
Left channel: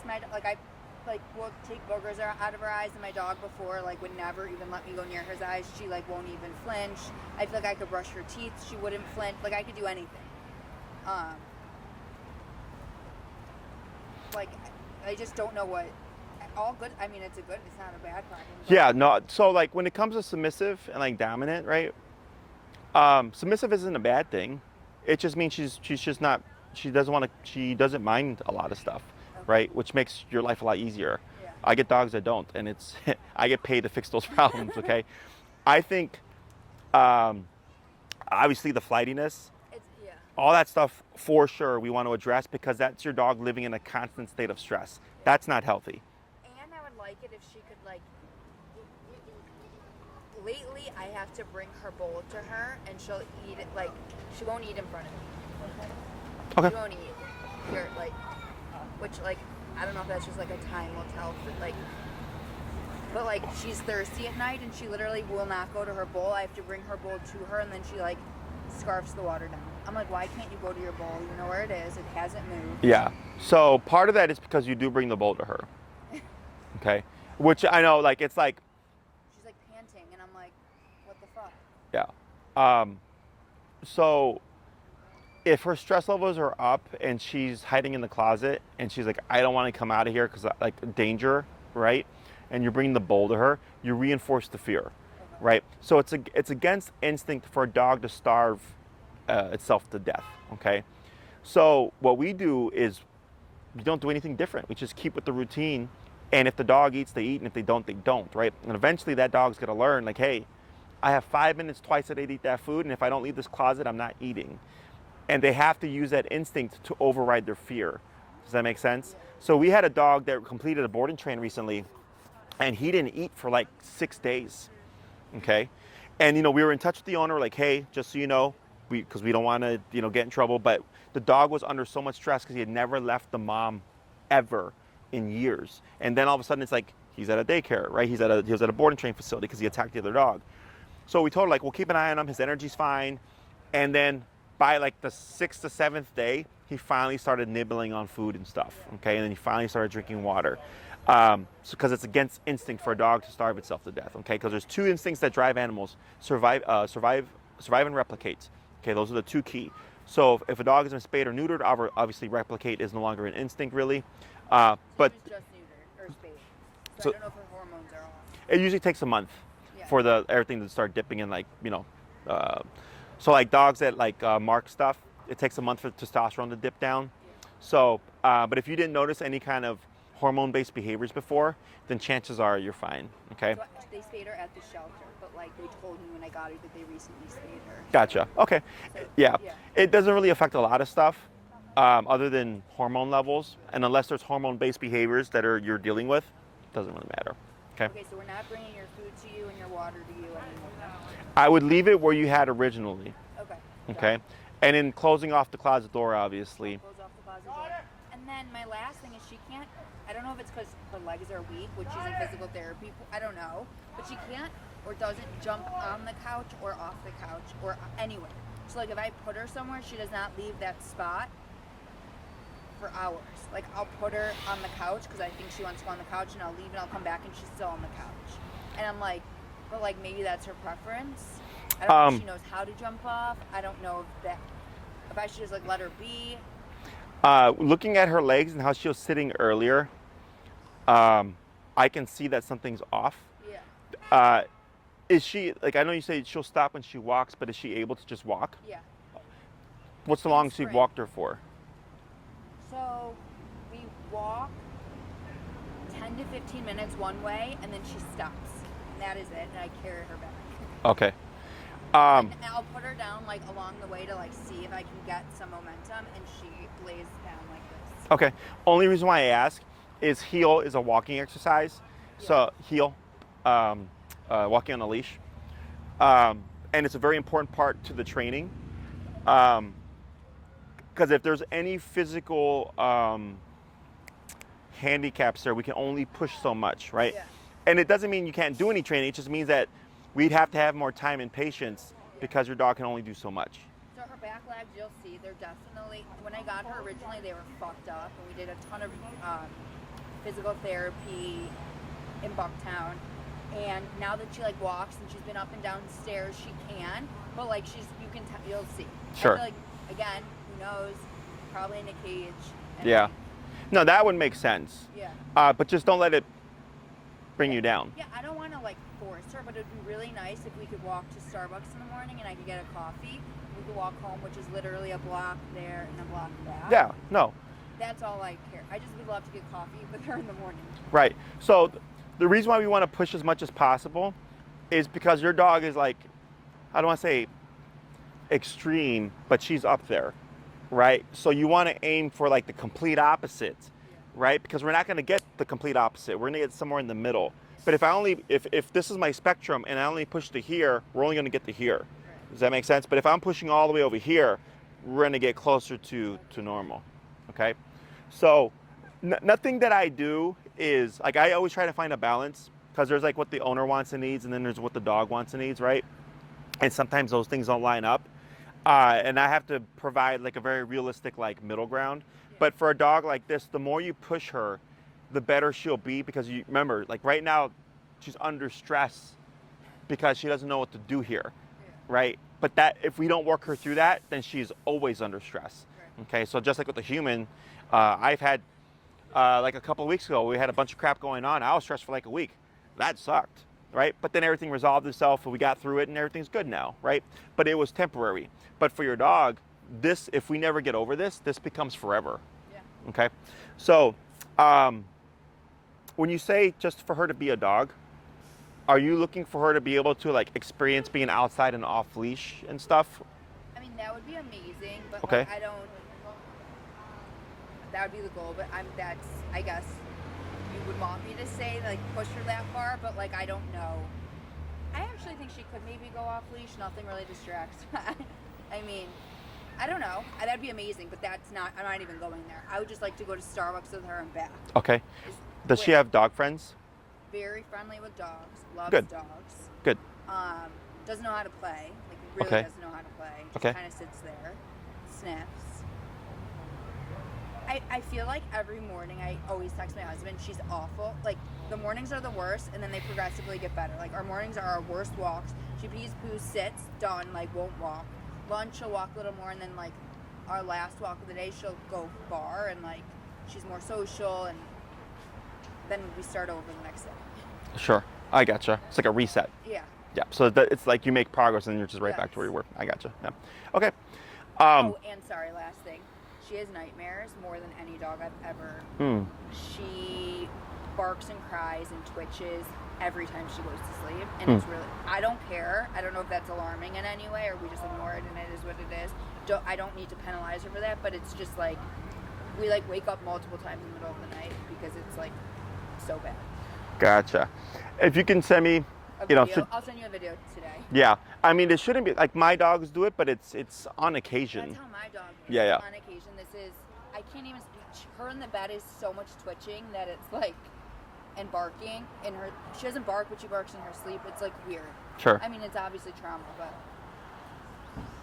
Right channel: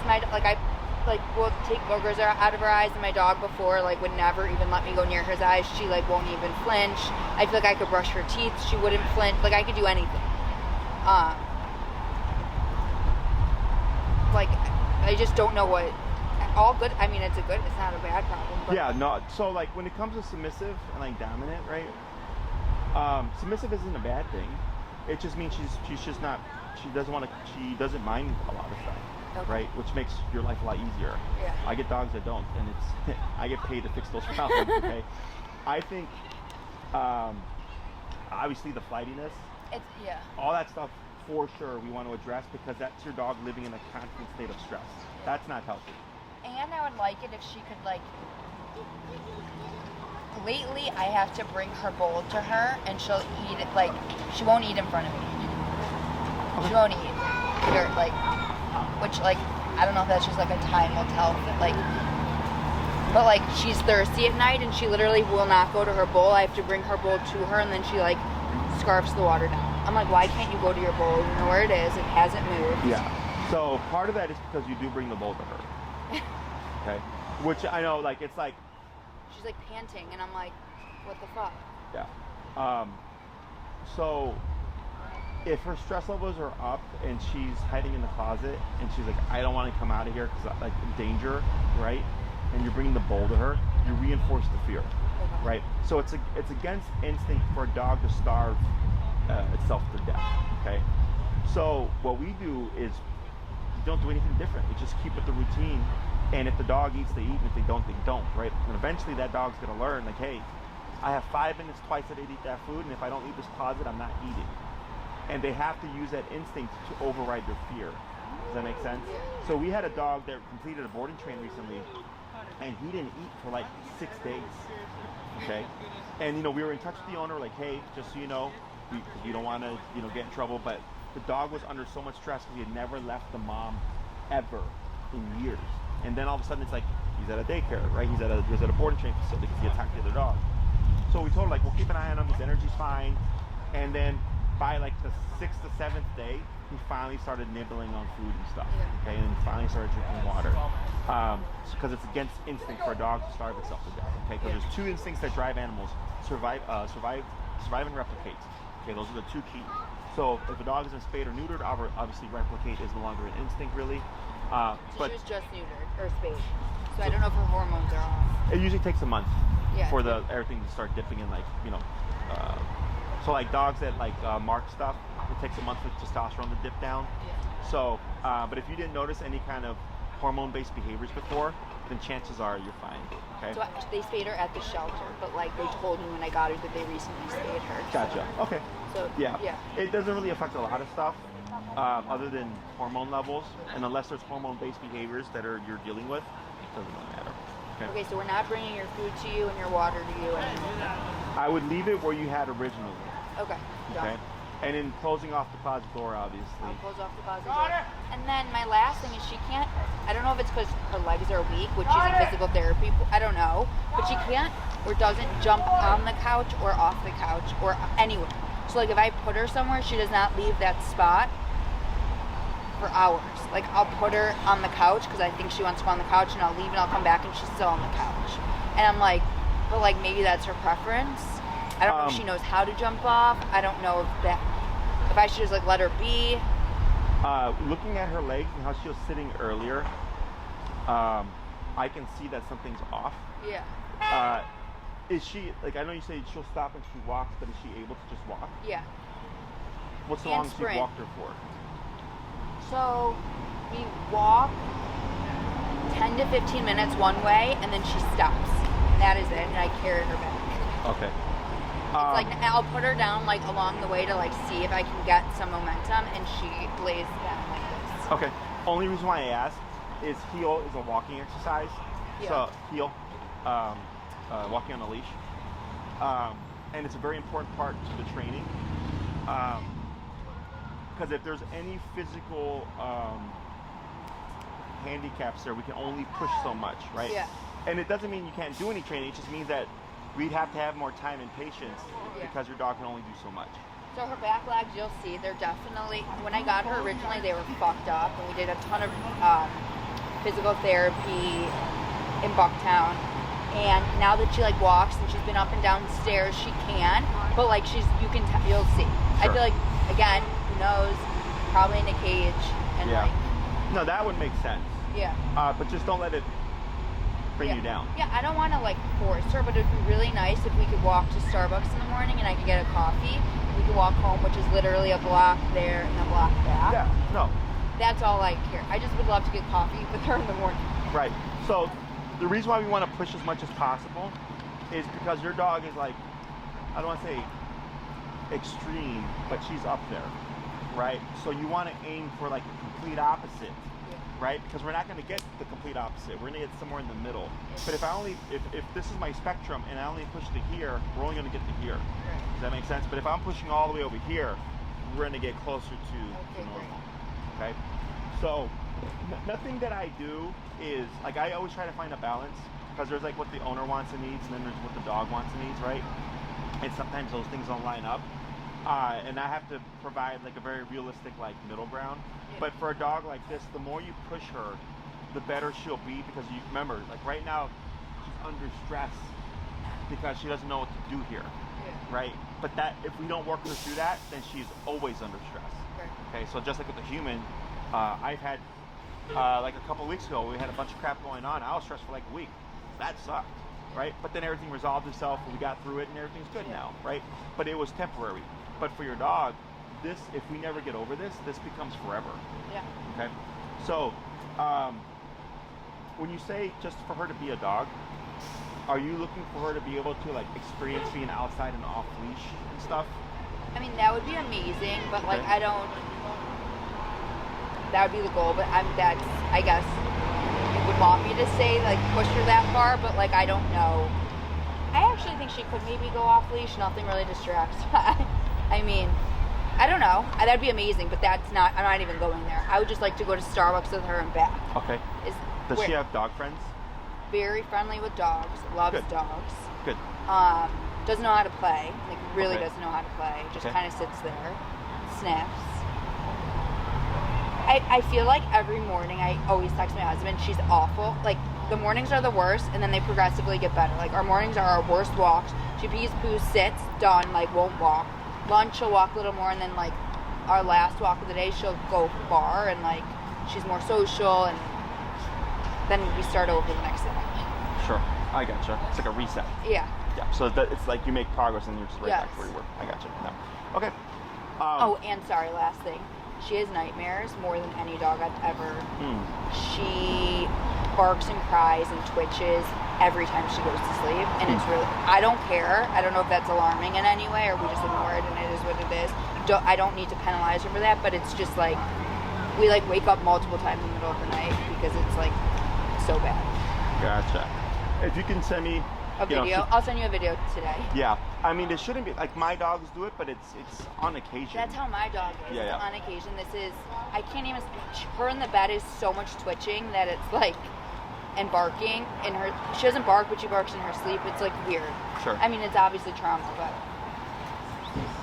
we'll take boogers out of her eyes, and my dog before, like, would never even let me go near his eyes. She, like, won't even flinch. I feel like I could brush her teeth. She wouldn't flinch. Like, I could do anything. Like, I just don't know what, all good, I mean, it's not a bad problem. Yeah, no, so, like, when it comes to submissive and, like, dominant, right, submissive isn't a bad thing. It just means she's just not, she doesn't mind a lot of stuff. Okay. Right, which makes your life a lot easier. Yeah. I get dogs that don't, and I get paid to fix those problems. Okay, I think obviously the flightiness, all that stuff for sure we want to address because that's your dog living in a constant state of stress. That's not healthy. And I would like it if she could, like, lately I have to bring her bowl to her and she'll eat it, like, she won't eat in front of me. Okay. She won't eat here, like. Which, like, I don't know if that's just like a time will tell, but like, she's thirsty at night and she literally will not go to her bowl. I have to bring her bowl to her and then she, like, scarfs the water down. I'm like, why can't you go to your bowl? You know where it is. It hasn't moved. Yeah. So part of that is because you do bring the bowl to her. Okay. Which I know, like, it's like. She's like panting and I'm like, what the fuck? Yeah. So. If her stress levels are up and she's hiding in the closet and she's like, I don't want to come out of here because like danger, right? And you're bringing the bowl to her, you reinforce the fear, right? So it's against instinct for a dog to starve itself to death, okay? So what we do is we don't do anything different. We just keep with the routine, and if the dog eats, they eat, and if they don't, right? And eventually that dog's gonna learn, like, hey, I have 5 minutes twice a day to eat that food, and if I don't leave this closet, I'm not eating. And they have to use that instinct to override their fear. Does that make sense? So we had a dog that completed a board and train recently, and he didn't eat for like 6 days, okay? And, we were in touch with the owner, like, hey, just so you know, because we don't want to, get in trouble, but the dog was under so much stress because he had never left the mom ever in years. And then all of a sudden it's like, he's at a daycare, right? He was at a board and train facility because he attacked the other dog. So we told him, like, we'll keep an eye on him, his energy's fine. And then by like the 6th to 7th day, he finally started nibbling on food and stuff, okay? And then he finally started drinking water. Because it's against instinct for a dog to starve itself to death, okay? Because there's 2 instincts that drive animals, survive and replicate. Okay, those are the 2 key. So if a dog has been spayed or neutered, obviously replicate is no longer an instinct really. But she was just neutered or spayed. So I don't know if her hormones are off. It usually takes a month for everything to start dipping in, like, so like dogs that like mark stuff, it takes a month for testosterone to dip down. Yeah. So, but if you didn't notice any kind of hormone-based behaviors before, then chances are you're fine, okay? So they spayed her at the shelter, but like they told me when I got her that they recently spayed her. Gotcha, okay. So, yeah, it doesn't really affect a lot of stuff other than hormone levels, and unless there's hormone-based behaviors that you're dealing with, it doesn't really matter, okay? Okay, so we're not bringing your food to you and your water to you. I would leave it where you had originally. Okay. Okay. And in closing off the closet door, obviously. I'll close off the closet door. And then my last thing is she can't, I don't know if it's because her legs are weak, which she's in physical therapy, I don't know, but she can't or doesn't jump on the couch or off the couch or anywhere. So like if I put her somewhere, she does not leave that spot for hours. Like I'll put her on the couch because I think she wants to go on the couch, and I'll leave and I'll come back and she's still on the couch. And I'm like, but like maybe that's her preference. I don't know if she knows how to jump off. I don't know if I should just like let her be. Looking at her legs and how she was sitting earlier, I can see that something's off. Yeah. Is she, like, I know you say she'll stop when she walks, but is she able to just walk? Yeah. What's the longest you've walked her for? So we walk 10 to 15 minutes one way, and then she stops. And that is it, and I carry her back. Okay. Like, I'll put her down like along the way to like see if I can get some momentum, and she lays down like this. Okay. Only reason why I ask is heel is a walking exercise. Yeah. So heel, walking on a leash, and it's a very important part to the training. Because if there's any physical handicaps there, we can only push so much, right? Yeah. And it doesn't mean you can't do any training. It just means that we'd have to have more time and patience because your dog can only do so much. So her back legs, you'll see, they're definitely, when I got her originally, they were fucked up, and we did a ton of physical therapy in Bucktown. And now that she like walks and she's been up and down stairs, she can, but like you'll see. Sure. I feel like, again, who knows, probably in a cage. And Yeah. like, No, that would make sense. yeah. But just don't let it bring you down. Yeah, I don't want to like force her, but it'd be really nice if we could walk to Starbucks in the morning and I could get a coffee. And we could walk home, which is literally a block there and a block back. Yeah, no. That's all I care. I just would love to get coffee with her in the morning. Right. So the reason why we want to push as much as possible is because your dog is like, I don't want to say extreme, but she's up there, right? So you want to aim for like the complete opposite. Right? Because we're not going to get the complete opposite. We're going to get somewhere in the middle. But if this is my spectrum and I only push to here, we're only going to get to here. Does that make sense? But if I'm pushing all the way over here, we're going to get closer to normal. Okay? So nothing that I do is, like, I always try to find a balance because there's like what the owner wants and needs, and then there's what the dog wants and needs, right? And sometimes those things don't line up. And I have to provide like a very realistic like middle ground. But for a dog like this, the more you push her, the better she'll be, because you remember, like right now, she's under stress because she doesn't know what to do here, right? But that if we don't work her through that, then she's always under stress. Okay, so just like with the human, I've had like a couple of weeks ago, we had a bunch of crap going on. I was stressed for like a week. That sucked, right? But then everything resolved itself, and we got through it, and everything's good now, right? But it was temporary. But for your dog, this, if we never get over this, this becomes forever. Yeah. Okay. So, when you say just for her to be a dog, are you looking for her to be able to like experience being outside and off leash and stuff? I mean, that would be amazing, but Okay. like that would be the goal, but I guess you would want me to say like push her that far, but like I don't know. I actually think she could maybe go off leash. Nothing really distracts. I mean, I don't know. That'd be amazing, but I'm not even going there. I would just like to go to Starbucks with her and back. Okay. Does she have dog friends? Very friendly with dogs. Loves Good. dogs. Good. Doesn't know how to play. Like really Okay. doesn't know how to play. Just Okay. kind of sits there, sniffs. I feel like every morning I always text my husband, she's awful. Like the mornings are the worst, and then they progressively get better. Like our mornings are our worst walks. She pees, poos, sits, done, like won't walk. Lunch she'll walk a little more, and then like our last walk of the day she'll go far, and like she's more social, and then we start over the next day. Sure. I gotcha. It's like a reset. Yeah. Yeah. So it's like you make progress and you're just right back to where you were. I gotcha. Yeah. Okay. Oh, and sorry, last thing. She has nightmares more than any dog I've ever. She barks and cries and twitches every time she goes to sleep, and it's really, I don't care. I don't know if that's alarming in any way or we just ignore it and it is what it is. I don't need to penalize her for that, but it's just like we like wake up multiple times in the middle of the night because it's like so bad. Gotcha. If you can send me A video. I'll send you a video today. Yeah. I mean, it shouldn't be like my dogs do it, but it's on occasion. That's how my dog is. Yeah. On occasion, I can't even. Her in the bed is so much twitching that it's like, and barking. And she doesn't bark, but she barks in her sleep. It's like weird. Sure. I mean, it's obviously trauma, but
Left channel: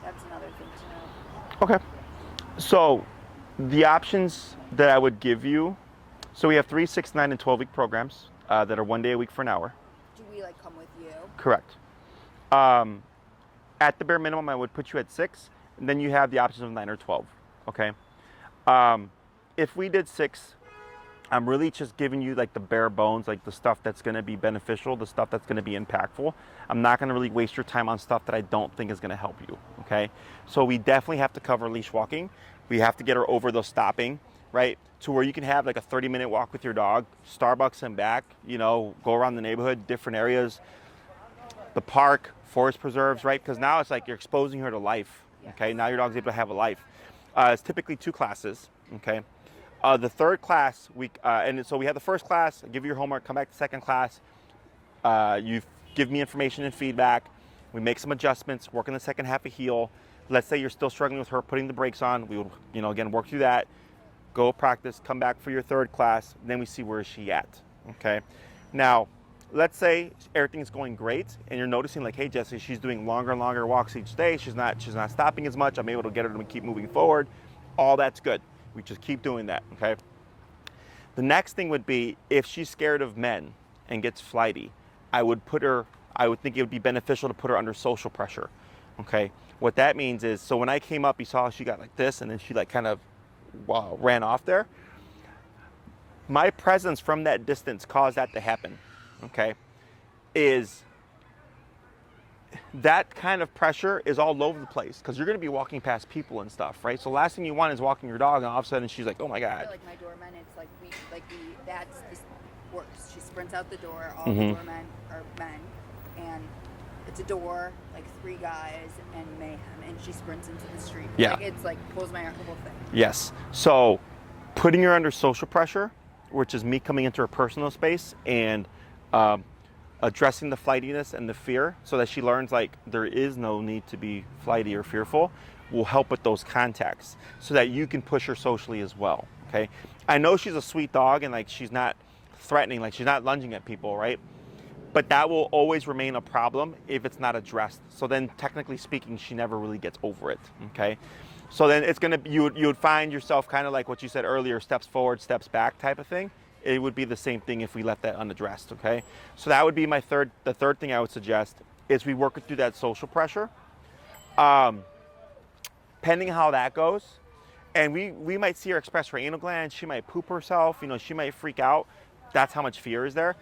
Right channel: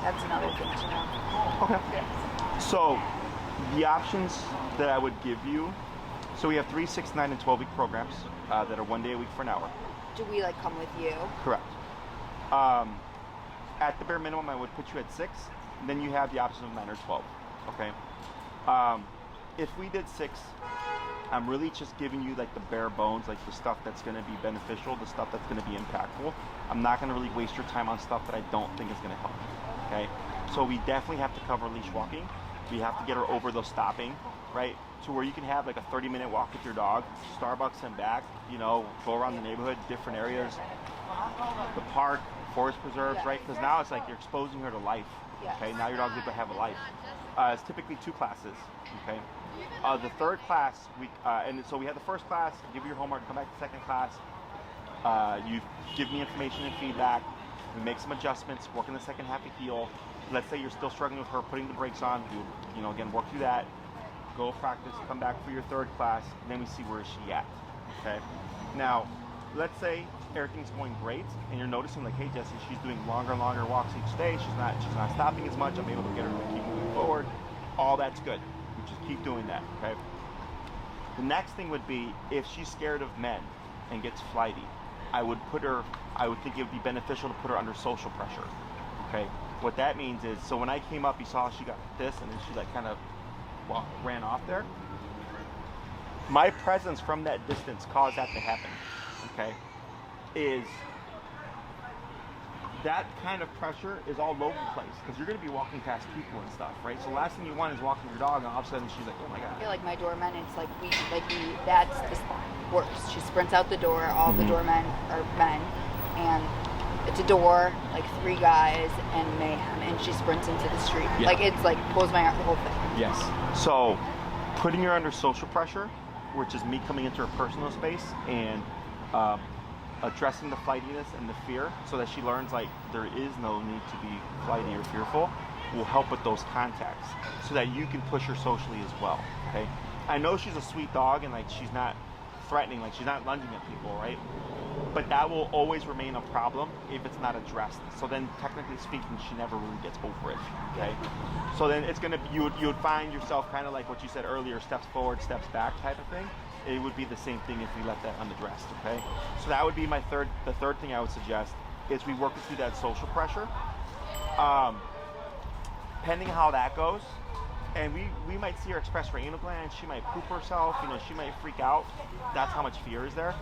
that's another thing to know. Okay. So, the options that I would give you. So we have 3, 6, 9, and 12-week programs that are 1 day a week for an hour. do we like come with you? Correct. At the bare minimum, I would put you at 6. And then you have the option of 9 or 12. Okay. If we did 6, I'm really just giving you like the bare bones, like the stuff that's going to be beneficial, the stuff that's going to be impactful. I'm not going to really waste your time on stuff that I don't think is going to help you. Okay. So we definitely have to cover leash walking. We have to get her over those stopping, right? To where you can have like a 30-minute walk with your dog, Starbucks and back, you know, go around the neighborhood, different areas, the park, forest preserves, right? Because now it's like you're exposing her to life. Okay, now your dog's able to have a life. It's typically 2 classes. Okay, the third class and so we have the first class. Give you your homework. Come back to the second class. You give me information and feedback. We make some adjustments. Work in the second half of heel. Let's say you're still struggling with her putting the brakes on. We'll, you know, again work through that. Go practice. Come back for your third class. Then we see where is she at. Okay, now. Let's say everything's going great and you're noticing like, hey Jesse, she's doing longer and longer walks each day. She's not stopping as much. I'm able to get her to keep moving forward. All that's good. We just keep doing that, okay? The next thing would be if she's scared of men and gets flighty, I would think it would be beneficial to put her under social pressure, okay? What that means is, so when I came up, you saw she got like this and then she like kind of ran off there. My presence from that distance caused that to happen. Okay, is that kind of pressure is all over the place because you're going to be walking past people and stuff, right? So last thing you want is walking your dog and all of a sudden she's like, oh my God. I feel like my doorman, it's like that's the worst. She sprints out the door, all the doormen are men, and it's a door, like 3 guys and mayhem, and she sprints into the street. Yeah. Like it's like pulls my heart, the whole thing. Yes. So putting her under social pressure, which is me coming into her personal space and addressing the flightiness and the fear so that she learns like there is no need to be flighty or fearful, will help with those contacts so that you can push her socially as well. Okay, I know she's a sweet dog and like she's not threatening, like she's not lunging at people, right? But that will always remain a problem if it's not addressed. So then technically speaking, she never really gets over it. Okay, so then it's gonna you would find yourself kind of like what you said earlier, steps forward, steps back type of thing. It would be the same thing if we let that unaddressed, okay? So that would be the third thing I would suggest is we work through that social pressure. Pending how that goes, and we might see her express her anal gland, she might poop herself, you know, she might freak out. That's how much fear is there.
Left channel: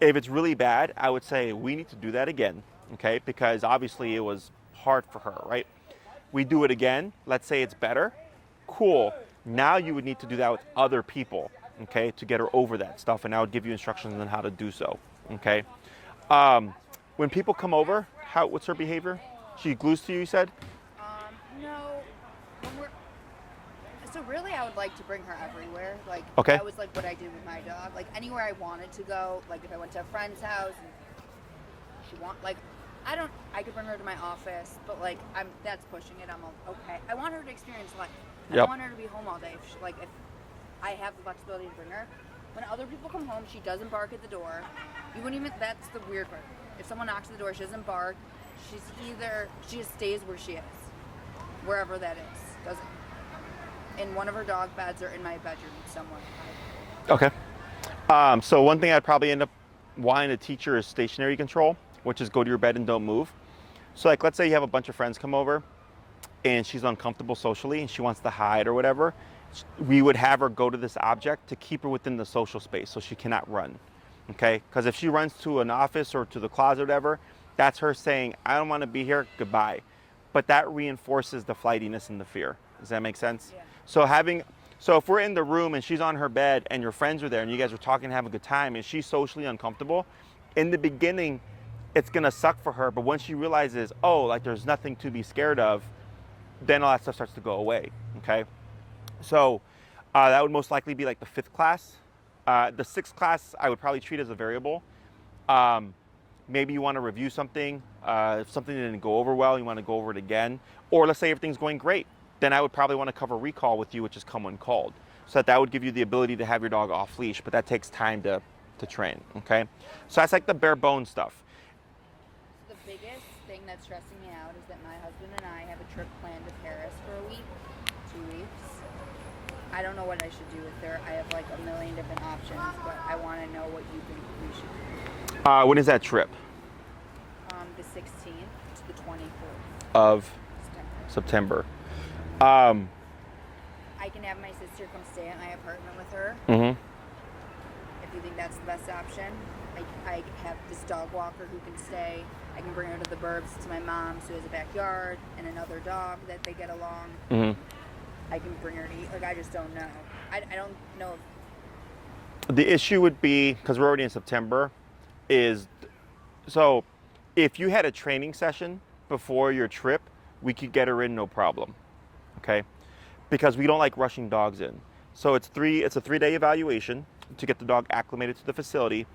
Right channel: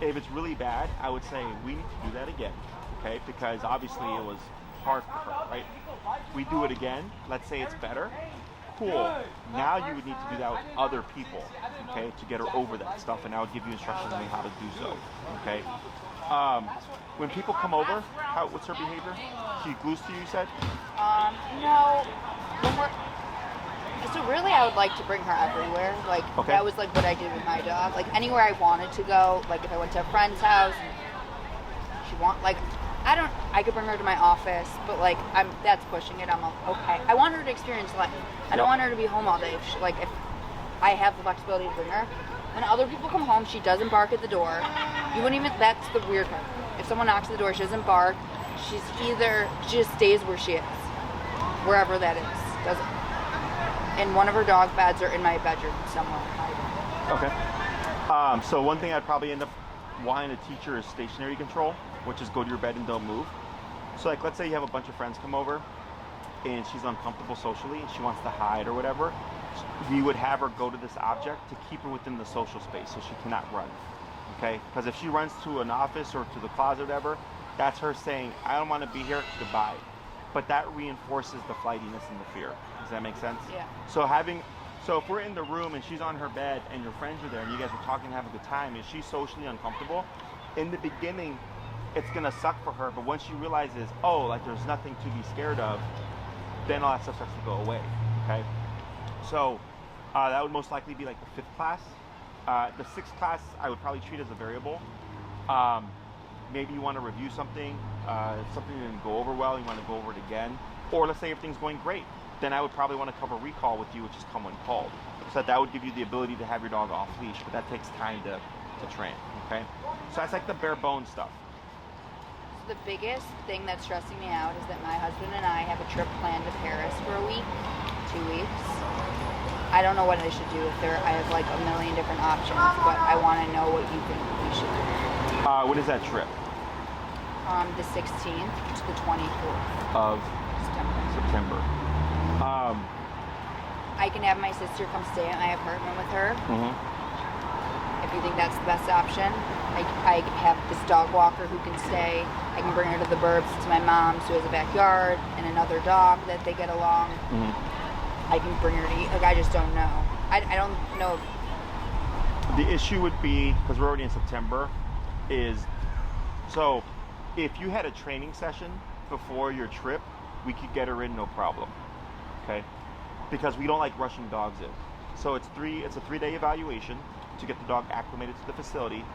If it's really bad, I would say we need to do that again, okay? Because obviously it was hard for her, right? We do it again, let's say it's better. Cool, now you would need to do that with other people, okay, to get her over that stuff, and I would give you instructions on how to do so, okay? When people come over, what's her behavior? She glues to you, you said? No, so really I would like to bring her everywhere, like that was like what I did with my dog, like anywhere I wanted to go, like if I went to a friend's house, I could bring her to my office, but like that's pushing it. I'm okay. I want her to experience life. I don't want her to be home all day. If I have the flexibility to bring her, when other people come home, she doesn't bark at the door. You wouldn't even. That's the weird part. If someone knocks at the door, she doesn't bark. She just stays where she is, wherever that is. Doesn't. And one of her dog beds are in my bedroom somewhere. Okay. So one thing I'd probably end up wanting to teach her is stationary control, which is go to your bed and don't move. So like, let's say you have a bunch of friends come over and she's uncomfortable socially and she wants to hide or whatever. We would have her go to this object to keep her within the social space so she cannot run, okay? Because if she runs to an office or to the closet or whatever, that's her saying, I don't want to be here, goodbye. But that reinforces the flightiness and the fear. Does that make sense? Yeah. So if we're in the room and she's on her bed and your friends are there and you guys are talking and having a good time and she's socially uncomfortable, in the beginning, it's gonna suck for her, but once she realizes, oh, like there's nothing to be scared of, then all that stuff starts to go away, okay? So that would most likely be like the 5th class. The 6th class, I would probably treat as a variable. Maybe you wanna review something, something didn't go over well, you wanna go over it again. Or let's say everything's going great, then I would probably wanna cover recall with you, which is come when called. So that would give you the ability to have your dog off leash, but that takes time to train, okay? So that's like the bare bones stuff. The biggest thing that's stressing me out is that my husband and I have a trip planned to Paris for a week, 2 weeks. I don't know what I should do I have like a million different options, but I want to know what you think we should do. When is that trip? The 16th to the 24th Of September. September. I can have my sister come stay at my apartment with her. Mm-hmm. If you think that's the best option. I have this dog walker who can stay. I can bring her to the burbs to my mom's who has a backyard and another dog that they get along. Mm-hmm. I can bring her to eat. Like, I just don't know. I don't know. The issue would be, because we're already in September, is so if you had a training session before your trip, we could get her in no problem. Okay? Because we don't like rushing dogs in. So it's a 3-day evaluation to get the dog acclimated to the facility,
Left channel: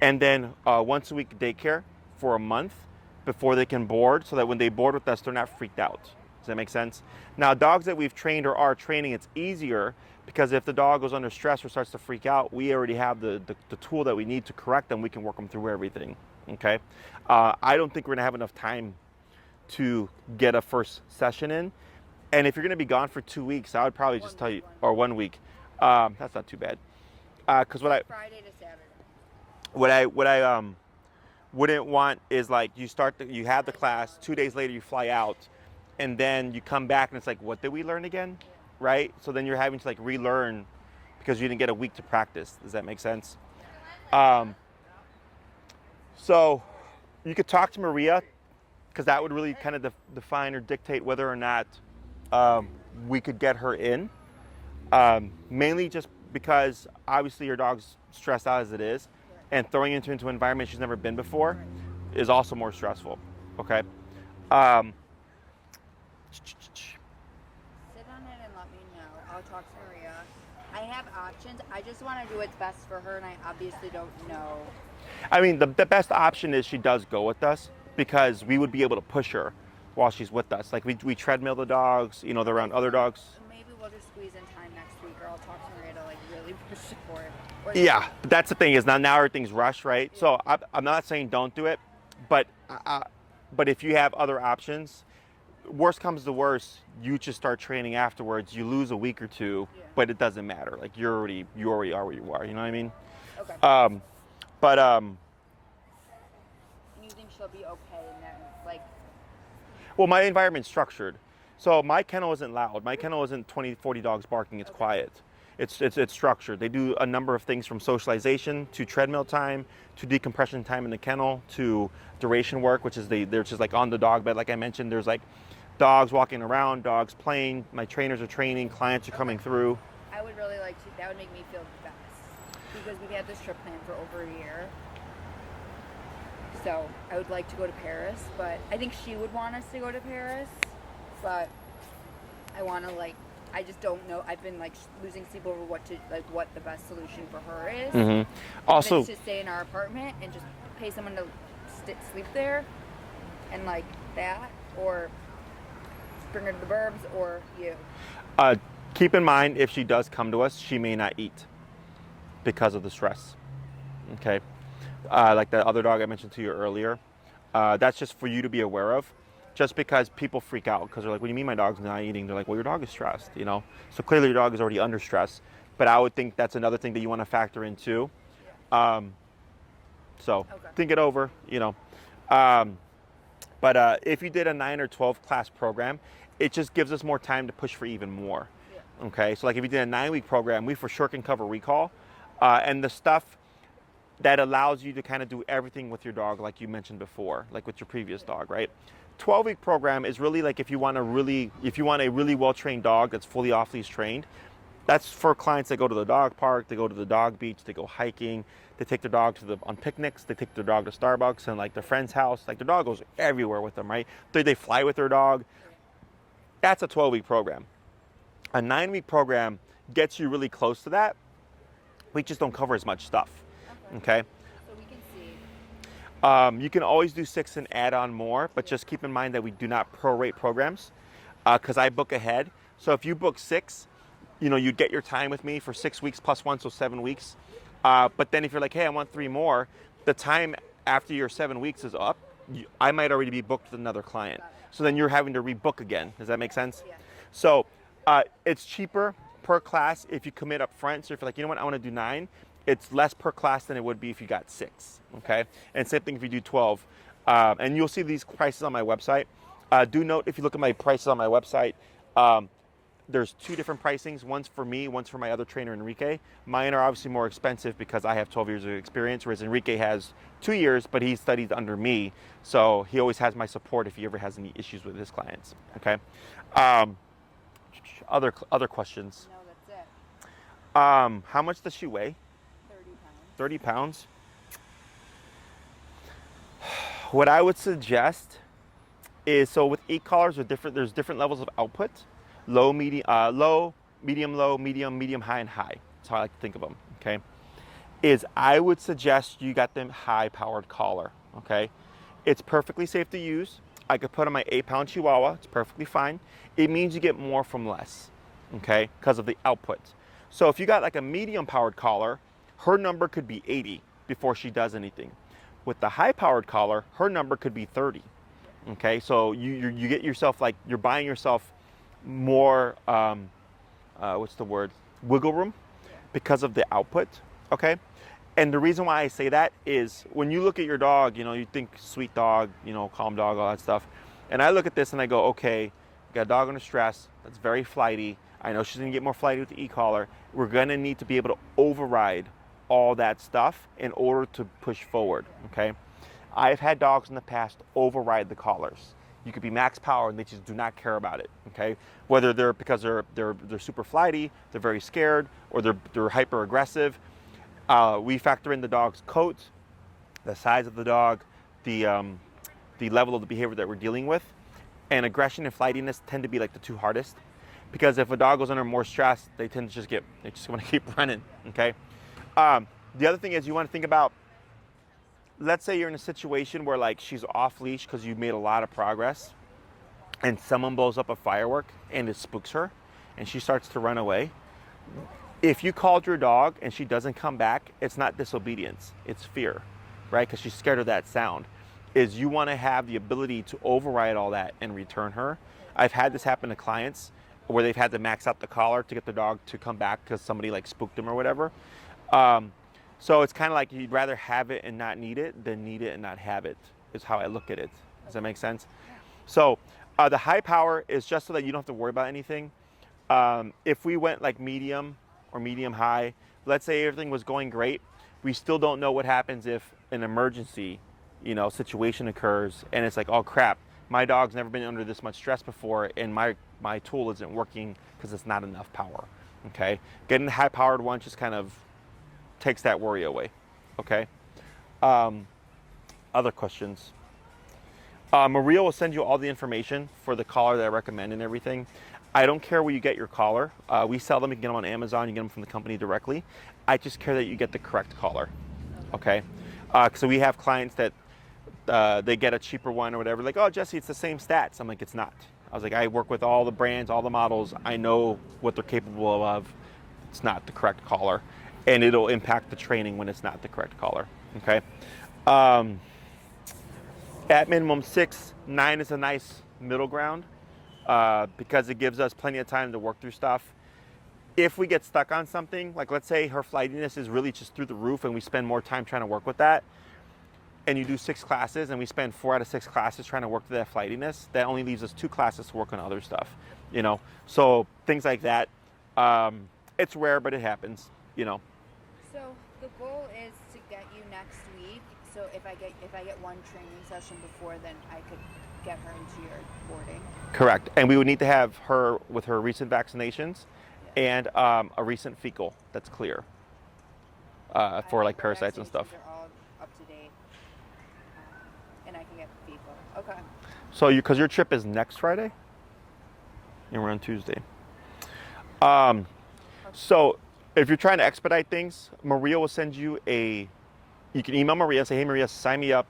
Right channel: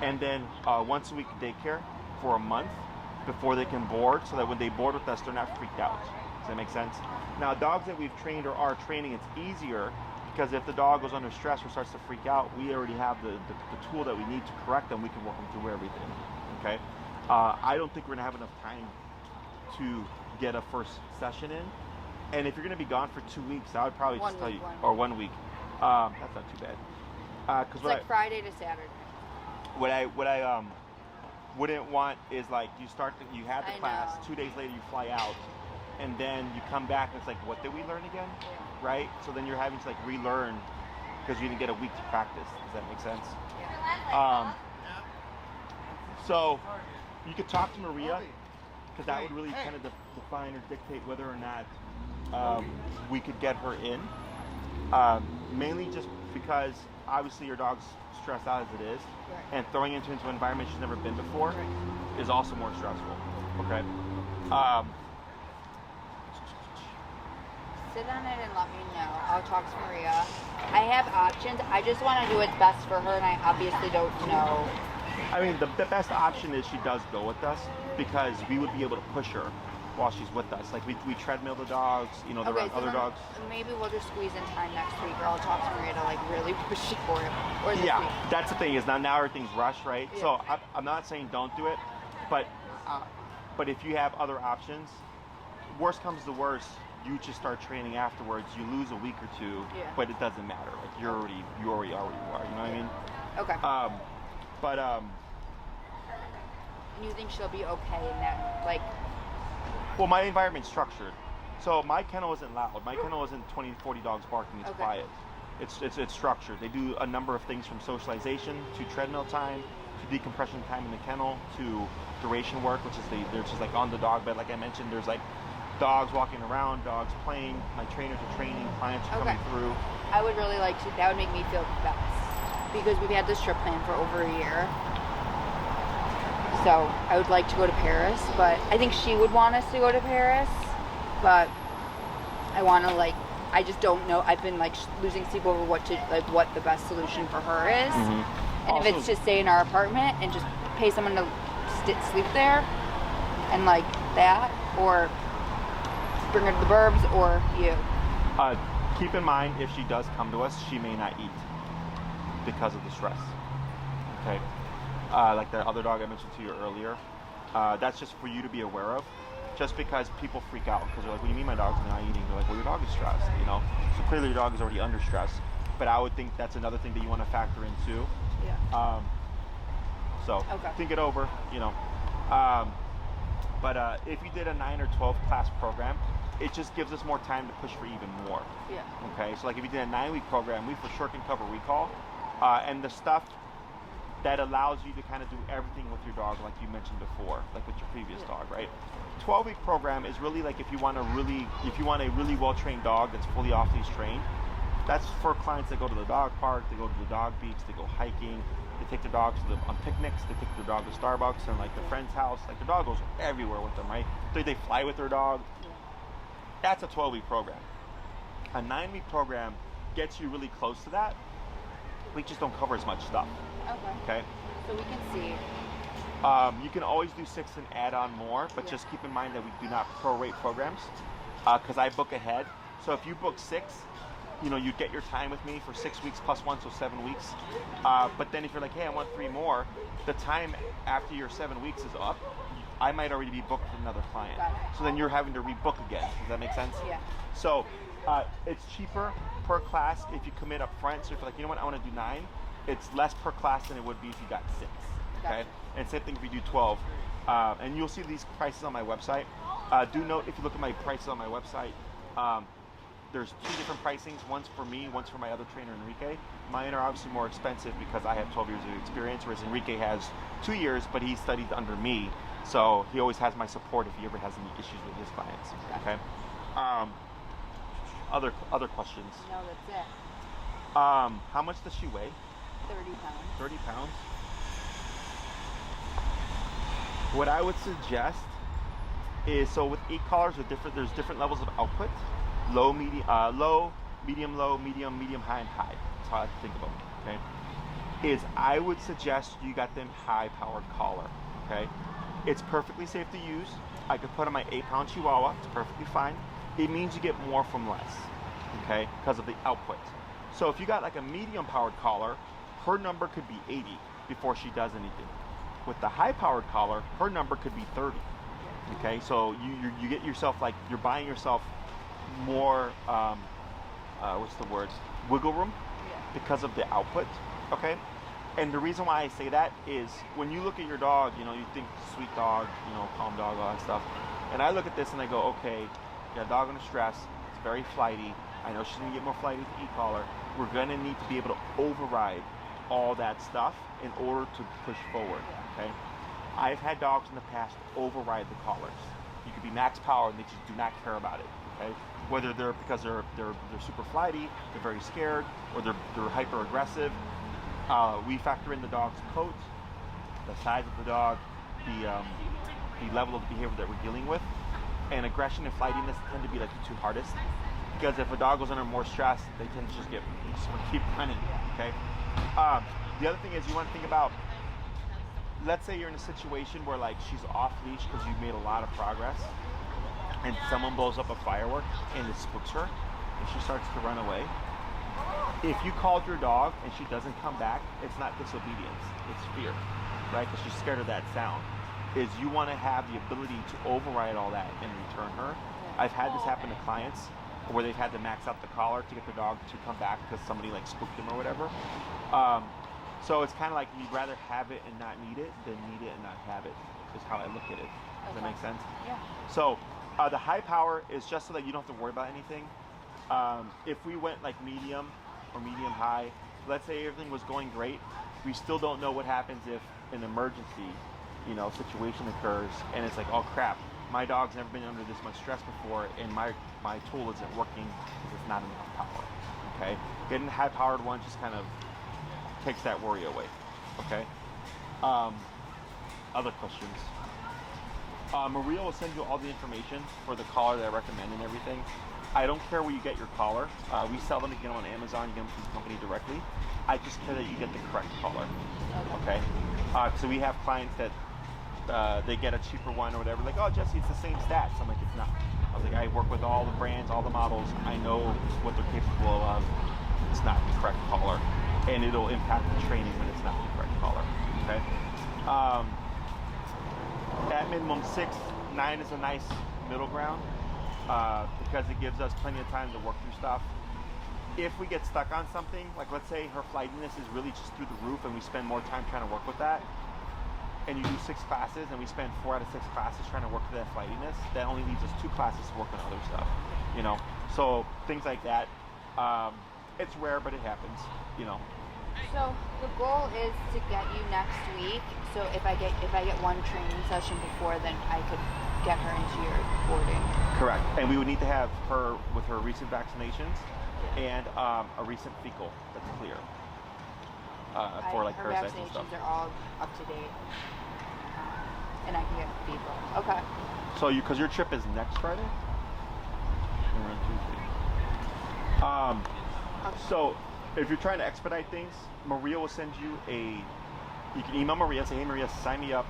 and then once a week daycare for a month before they can board, so that when they board with us, they're not freaked out. Does that make sense? Now, dogs that we've trained or are training, it's easier because if the dog goes under stress or starts to freak out, we already have the tool that we need to correct them. We can work them through everything. Okay? I don't think we're gonna have enough time to get a first session in. And if you're gonna be gone for 2 weeks, I would probably just tell you, or 1 week. That's not too bad. Because It's Friday to Saturday. what I wouldn't want is like you have the class, know. 2 days later you fly out, and then you come back and it's like, what did we learn again? Yeah. Right? So then you're having to like relearn because you didn't get a week to practice. Does that make sense? So you could talk to Maria, because that would really kind of define or dictate whether or not we could get her in. Mainly just because obviously your dog's stressed out as it is, and throwing into an environment she's never been before is also more stressful. Okay. Sit on it and let me know. I'll talk to Maria. I have options. I just want to do what's best for her, and I obviously don't know. I mean, the best option is she does go with us, because we would be able to push her while she's with us. Like we treadmill the dogs, you know, they're around other dogs. Maybe we'll just squeeze in time next week, or I'll talk to Maria to like really push it for him. Yeah, that's the thing is now everything's rushed, right? Yeah. So I'm not saying don't do it, but if you have other options, worst comes to worst, you just start training afterwards. You lose a week or two, but it doesn't matter. Like you already are where you are. You know what I mean? Okay. But And you think she'll be okay in that, like? Well, my environment's structured. So my kennel isn't loud. My kennel isn't 20, 40 dogs barking. It's quiet. It's structured. They do a number of things from socialization to treadmill time to decompression time in the kennel to duration work, which is they're just like on the dog bed. Like I mentioned, there's like dogs walking around, dogs playing. My trainers are training. Clients are coming through. I would really like to. That would make me feel best because we've had this trip planned for over a year. So I would like to go to Paris, but I think she would want us to go to Paris. But I want to I just don't know. I've been losing sleep over what the best solution for her is. Mm-hmm. Also, if it's to stay in our apartment and just pay someone to sleep there, and like that, or bring her to the burbs, or you. Keep in mind, if she does come to us, she may not eat because of the stress. Okay. Like the other dog I mentioned to you earlier, that's just for you to be aware of. Just because people freak out because they're like, what do you mean my dog's not eating? They're like, well, your dog is stressed, you know? So clearly your dog is already under stress. But I would think that's another thing that you want to factor in too. Yeah. Think it over, you know. But if you did a 9 or 12 class program, it just gives us more time to push for even more. Yeah. Okay, so like if you did a 9-week program, we for sure can cover recall. And the stuff that allows you to kind of do everything with your dog, like you mentioned before, like with your previous dog, right? 12-week program is really like if you want a really well-trained dog that's fully off-leash trained. That's for clients that go to the dog park, they go to the dog beach, they go hiking, they take their dogs on picnics, they take their dog to Starbucks and like their friend's house. Like their dog goes everywhere with them, right? They fly with their dog. That's a 12-week program. A 9-week program gets you really close to that. We just don't cover as much stuff. Okay. So we can see. You can always do 6 and add on more, but just keep in mind that we do not prorate programs because I book ahead. So if you book 6, you know, you get your time with me for 6 weeks plus 1, so 7 weeks. But then if you're like, hey, I want 3 more, the time after your 7 weeks is up, I might already be booked with another client. So then you're having to rebook again. Does that make sense? Yeah. So it's cheaper per class if you commit up front. So if you're like, you know what, I want to do 9. it's less per class than it would be if you got 6. Okay, and same thing if you do 12. And you'll see these prices on my website. Do note, if you look at my prices on my website, there's 2 different pricings. One's for me, one's for my other trainer, Enrique. Mine are obviously more expensive because I have 12 years of experience, whereas Enrique has 2 years, but he studied under me. So he always has my support if he ever has any issues with his clients. Okay. Other questions? No, that's it. How much does she weigh? 30 pounds. 30 pounds. What I would suggest is, so with e-collars, there's different levels of output. Low, medium, low, medium, high, and high. That's how I like to think of them, okay? I would suggest you got them high-powered collar, okay? It's perfectly safe to use. I could put on my 8-pound Chihuahua. It's perfectly fine. It means you get more from less, okay, because of the output. So if you got like a medium-powered collar, her number could be 80 before she does anything. With the high-powered collar, her number could be 30, okay? So you get yourself, like, you're buying yourself more, wiggle room because of the output, okay? And the reason why I say that is when you look at your dog, you think sweet dog, calm dog, all that stuff. And I look at this and I go, okay, you got a dog under stress. It's very flighty. I know she's going to get more flighty with the e-collar. We're going to need to be able to override all that stuff in order to push forward, okay? I've had dogs in the past override the collars. You could be max power and they just do not care about it, okay? Whether they're because they're super flighty, they're very scared, or they're hyper aggressive. We factor in the dog's coat, the size of the dog, the level of the behavior that we're dealing with, and aggression and flightiness tend to be like the 2 hardest, because if a dog goes under more stress, they tend to they just want to keep running, okay? The other thing is you want to think about, let's say you're in a situation where like she's off leash because you've made a lot of progress, and someone blows up a firework and it spooks her, and she starts to run away. If you called your dog and she doesn't come back, it's not disobedience, it's fear, right? Because she's scared of that sound. You want to have the ability to override all that and return her. I've had this happen to clients where they've had to max out the collar to get the dog to come back because somebody like spooked them or whatever. So it's kind of like you'd rather have it and not need it than need it and not have it, is how I look at it. Does that make sense? Yeah. So the high power is just so that you don't have to worry about anything. If we went like medium or medium high, let's say everything was going great, we still don't know what happens if an emergency, situation occurs and it's like, oh crap, my dog's never been under this much stress before and my tool isn't working because it's not enough power, okay? Getting the high powered one just kind of takes that worry away, okay? Other questions? Maria will send you all the information for the collar that I recommend and everything. I don't care where you get your collar. We sell them. You can get them on Amazon. You get them from the company directly. I just care that you get the correct collar, okay? So we have clients that they get a cheaper one or whatever. Like, oh, Jesse, it's the same stats. I'm like, it's not. I was like, I work with all the brands, all the models. I know what they're capable of. It's not the correct collar. And it'll impact the training when it's not the correct collar, okay? At minimum 6, 9 is a nice middle ground because it gives us plenty of time to work through stuff. If we get stuck on something, like let's say her flightiness is really just through the roof and we spend more time trying to work with that, and you do 6 classes and we spend 4 out of 6 classes trying to work through that flightiness, that only leaves us 2 classes to work on other stuff, So things like that, it's rare, but it happens, So the goal is to get you next week. So if I get one training session before, then I could get her into your boarding. Correct. And we would need to have her with her recent vaccinations and a recent fecal that's clear for like parasites and stuff. They're all up to date, and I can get fecal. Okay. So because your trip is next Friday, and we're on Tuesday. So if you're trying to expedite things, Maria will send you you can email Maria and say, hey Maria, sign me up.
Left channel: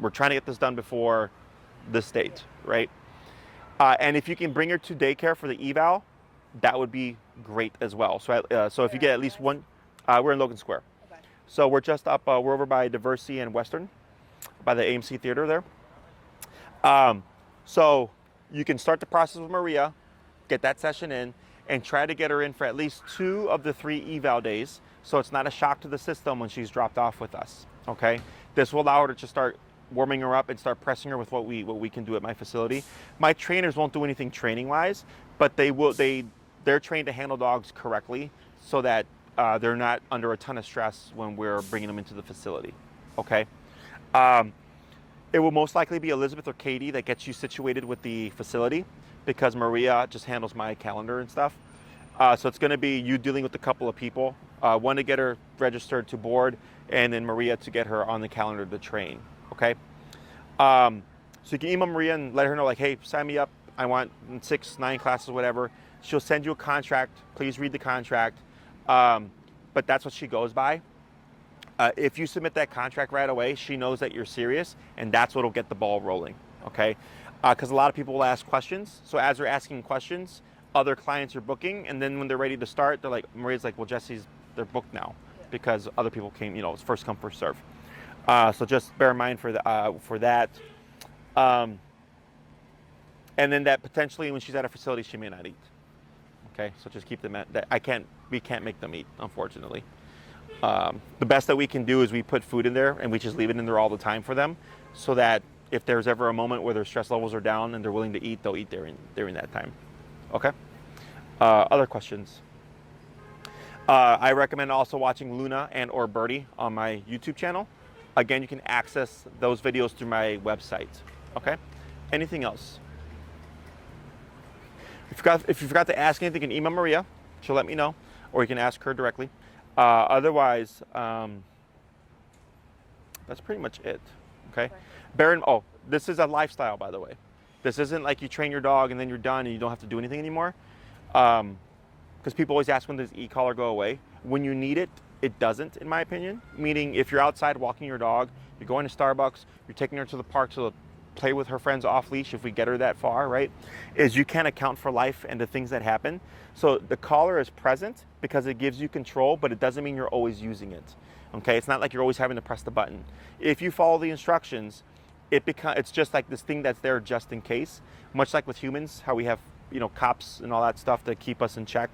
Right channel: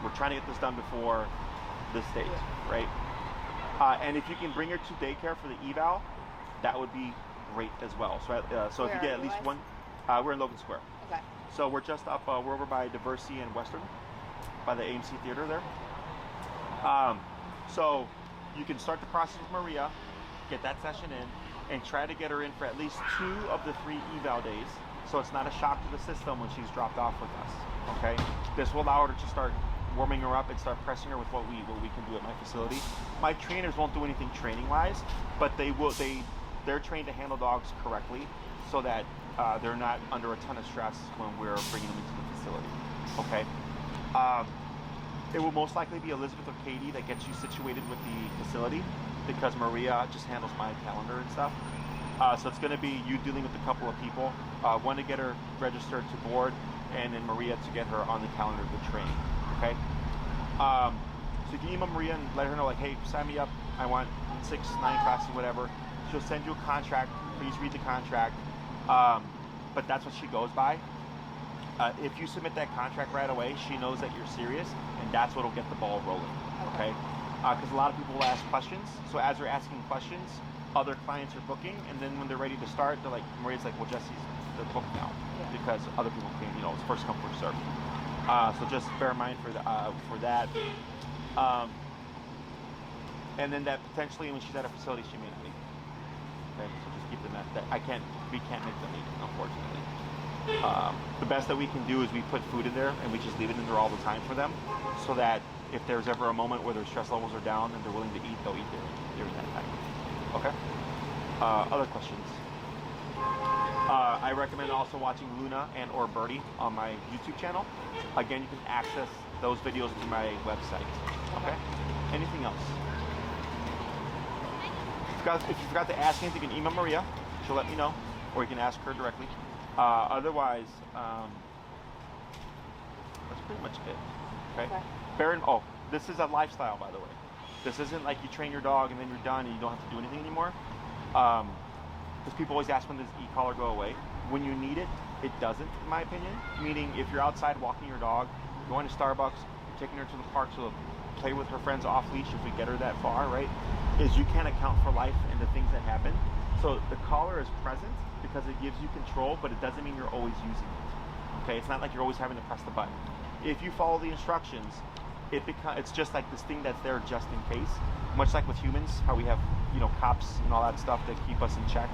We're trying to get this done before this date, right? And if you can bring her to daycare for the eval, that would be great as well. So if you get at least one, we're in Logan Square. Okay. So we're just up, we're over by Diversity and Western, by the AMC Theater there. So you can start the process with Maria, get that session in, and try to get her in for at least 2 of the 3 eval days so it's not a shock to the system when she's dropped off with us. Okay, this will allow her to just start warming her up and start pressing her with what we can do at my facility. My trainers won't do anything training wise, but they're trained to handle dogs correctly so that they're not under a ton of stress when we're bringing them into the facility. Okay. It will most likely be Elizabeth or Katie that gets you situated with the facility, because Maria just handles my calendar and stuff. So it's going to be you dealing with a couple of people, one to get her registered to board, and then Maria to get her on the calendar to train. Okay. So you can email Maria and let her know, like, hey, sign me up. I want 6, 9 classes, whatever. She'll send you a contract. Please read the contract. But that's what she goes by. If you submit that contract right away, she knows that you're serious, and that's what'll get the ball rolling. Okay. Because a lot of people will ask questions. So as they're asking questions, other clients are booking, and then when they're ready to start, they're like, Maria's like, well, they're booked now, because other people came, it's first come, first serve. So just bear in mind for that. And then that potentially when she's at a facility, she may not eat. Okay, so just keep them at that. We can't make them eat, unfortunately. The best that we can do is we put food in there and we just leave it in there all the time for them, so that if there's ever a moment where their stress levels are down and they're willing to eat, they'll eat during that time. Okay. Other questions? I recommend also watching Luna and or Birdie on my YouTube channel. Again, you can access those videos through my website. Okay. Anything else? If you forgot to ask anything, you can email Maria. She'll let me know, or you can ask her directly. Otherwise, that's pretty much it. Okay. This is a lifestyle, by the way. This isn't like you train your dog and then you're done and you don't have to do anything anymore. Because people always ask, when does e-collar go away? When you need it, it doesn't, in my opinion. Meaning, if you're outside walking your dog, you're going to Starbucks, you're taking her to the park to play with her friends off leash, if we get her that far, right? Is you can't account for life and the things that happen. So the collar is present because it gives you control, but it doesn't mean you're always using it. Okay, it's not like you're always having to press the button. If you follow the instructions, it's just like this thing that's there just in case. Much like with humans, how we have cops and all that stuff that keep us in check.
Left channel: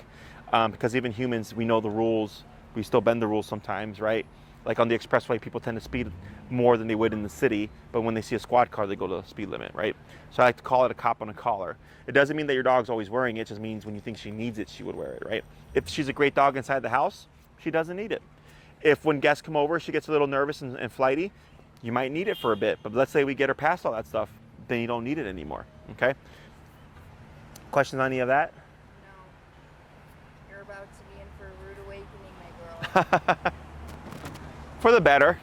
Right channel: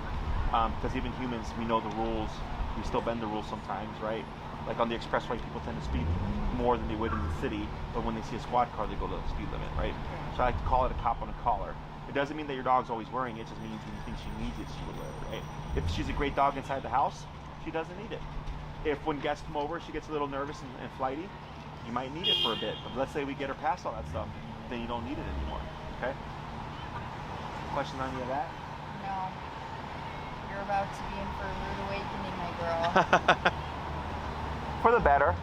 Because even humans, we know the rules. We still bend the rules sometimes, right? Like on the expressway, people tend to speed more than they would in the city, but when they see a squad car, they go to the speed limit, right? So I like to call it a cop on a collar. It doesn't mean that your dog's always wearing it. It just means when you think she needs it, she would wear it, right? If she's a great dog inside the house, she doesn't need it. If when guests come over, she gets a little nervous and flighty, you might need it for a bit. But let's say we get her past all that stuff, then you don't need it anymore, okay? Questions on any of that? No. You're about to be in for a rude awakening, my girl. For the better.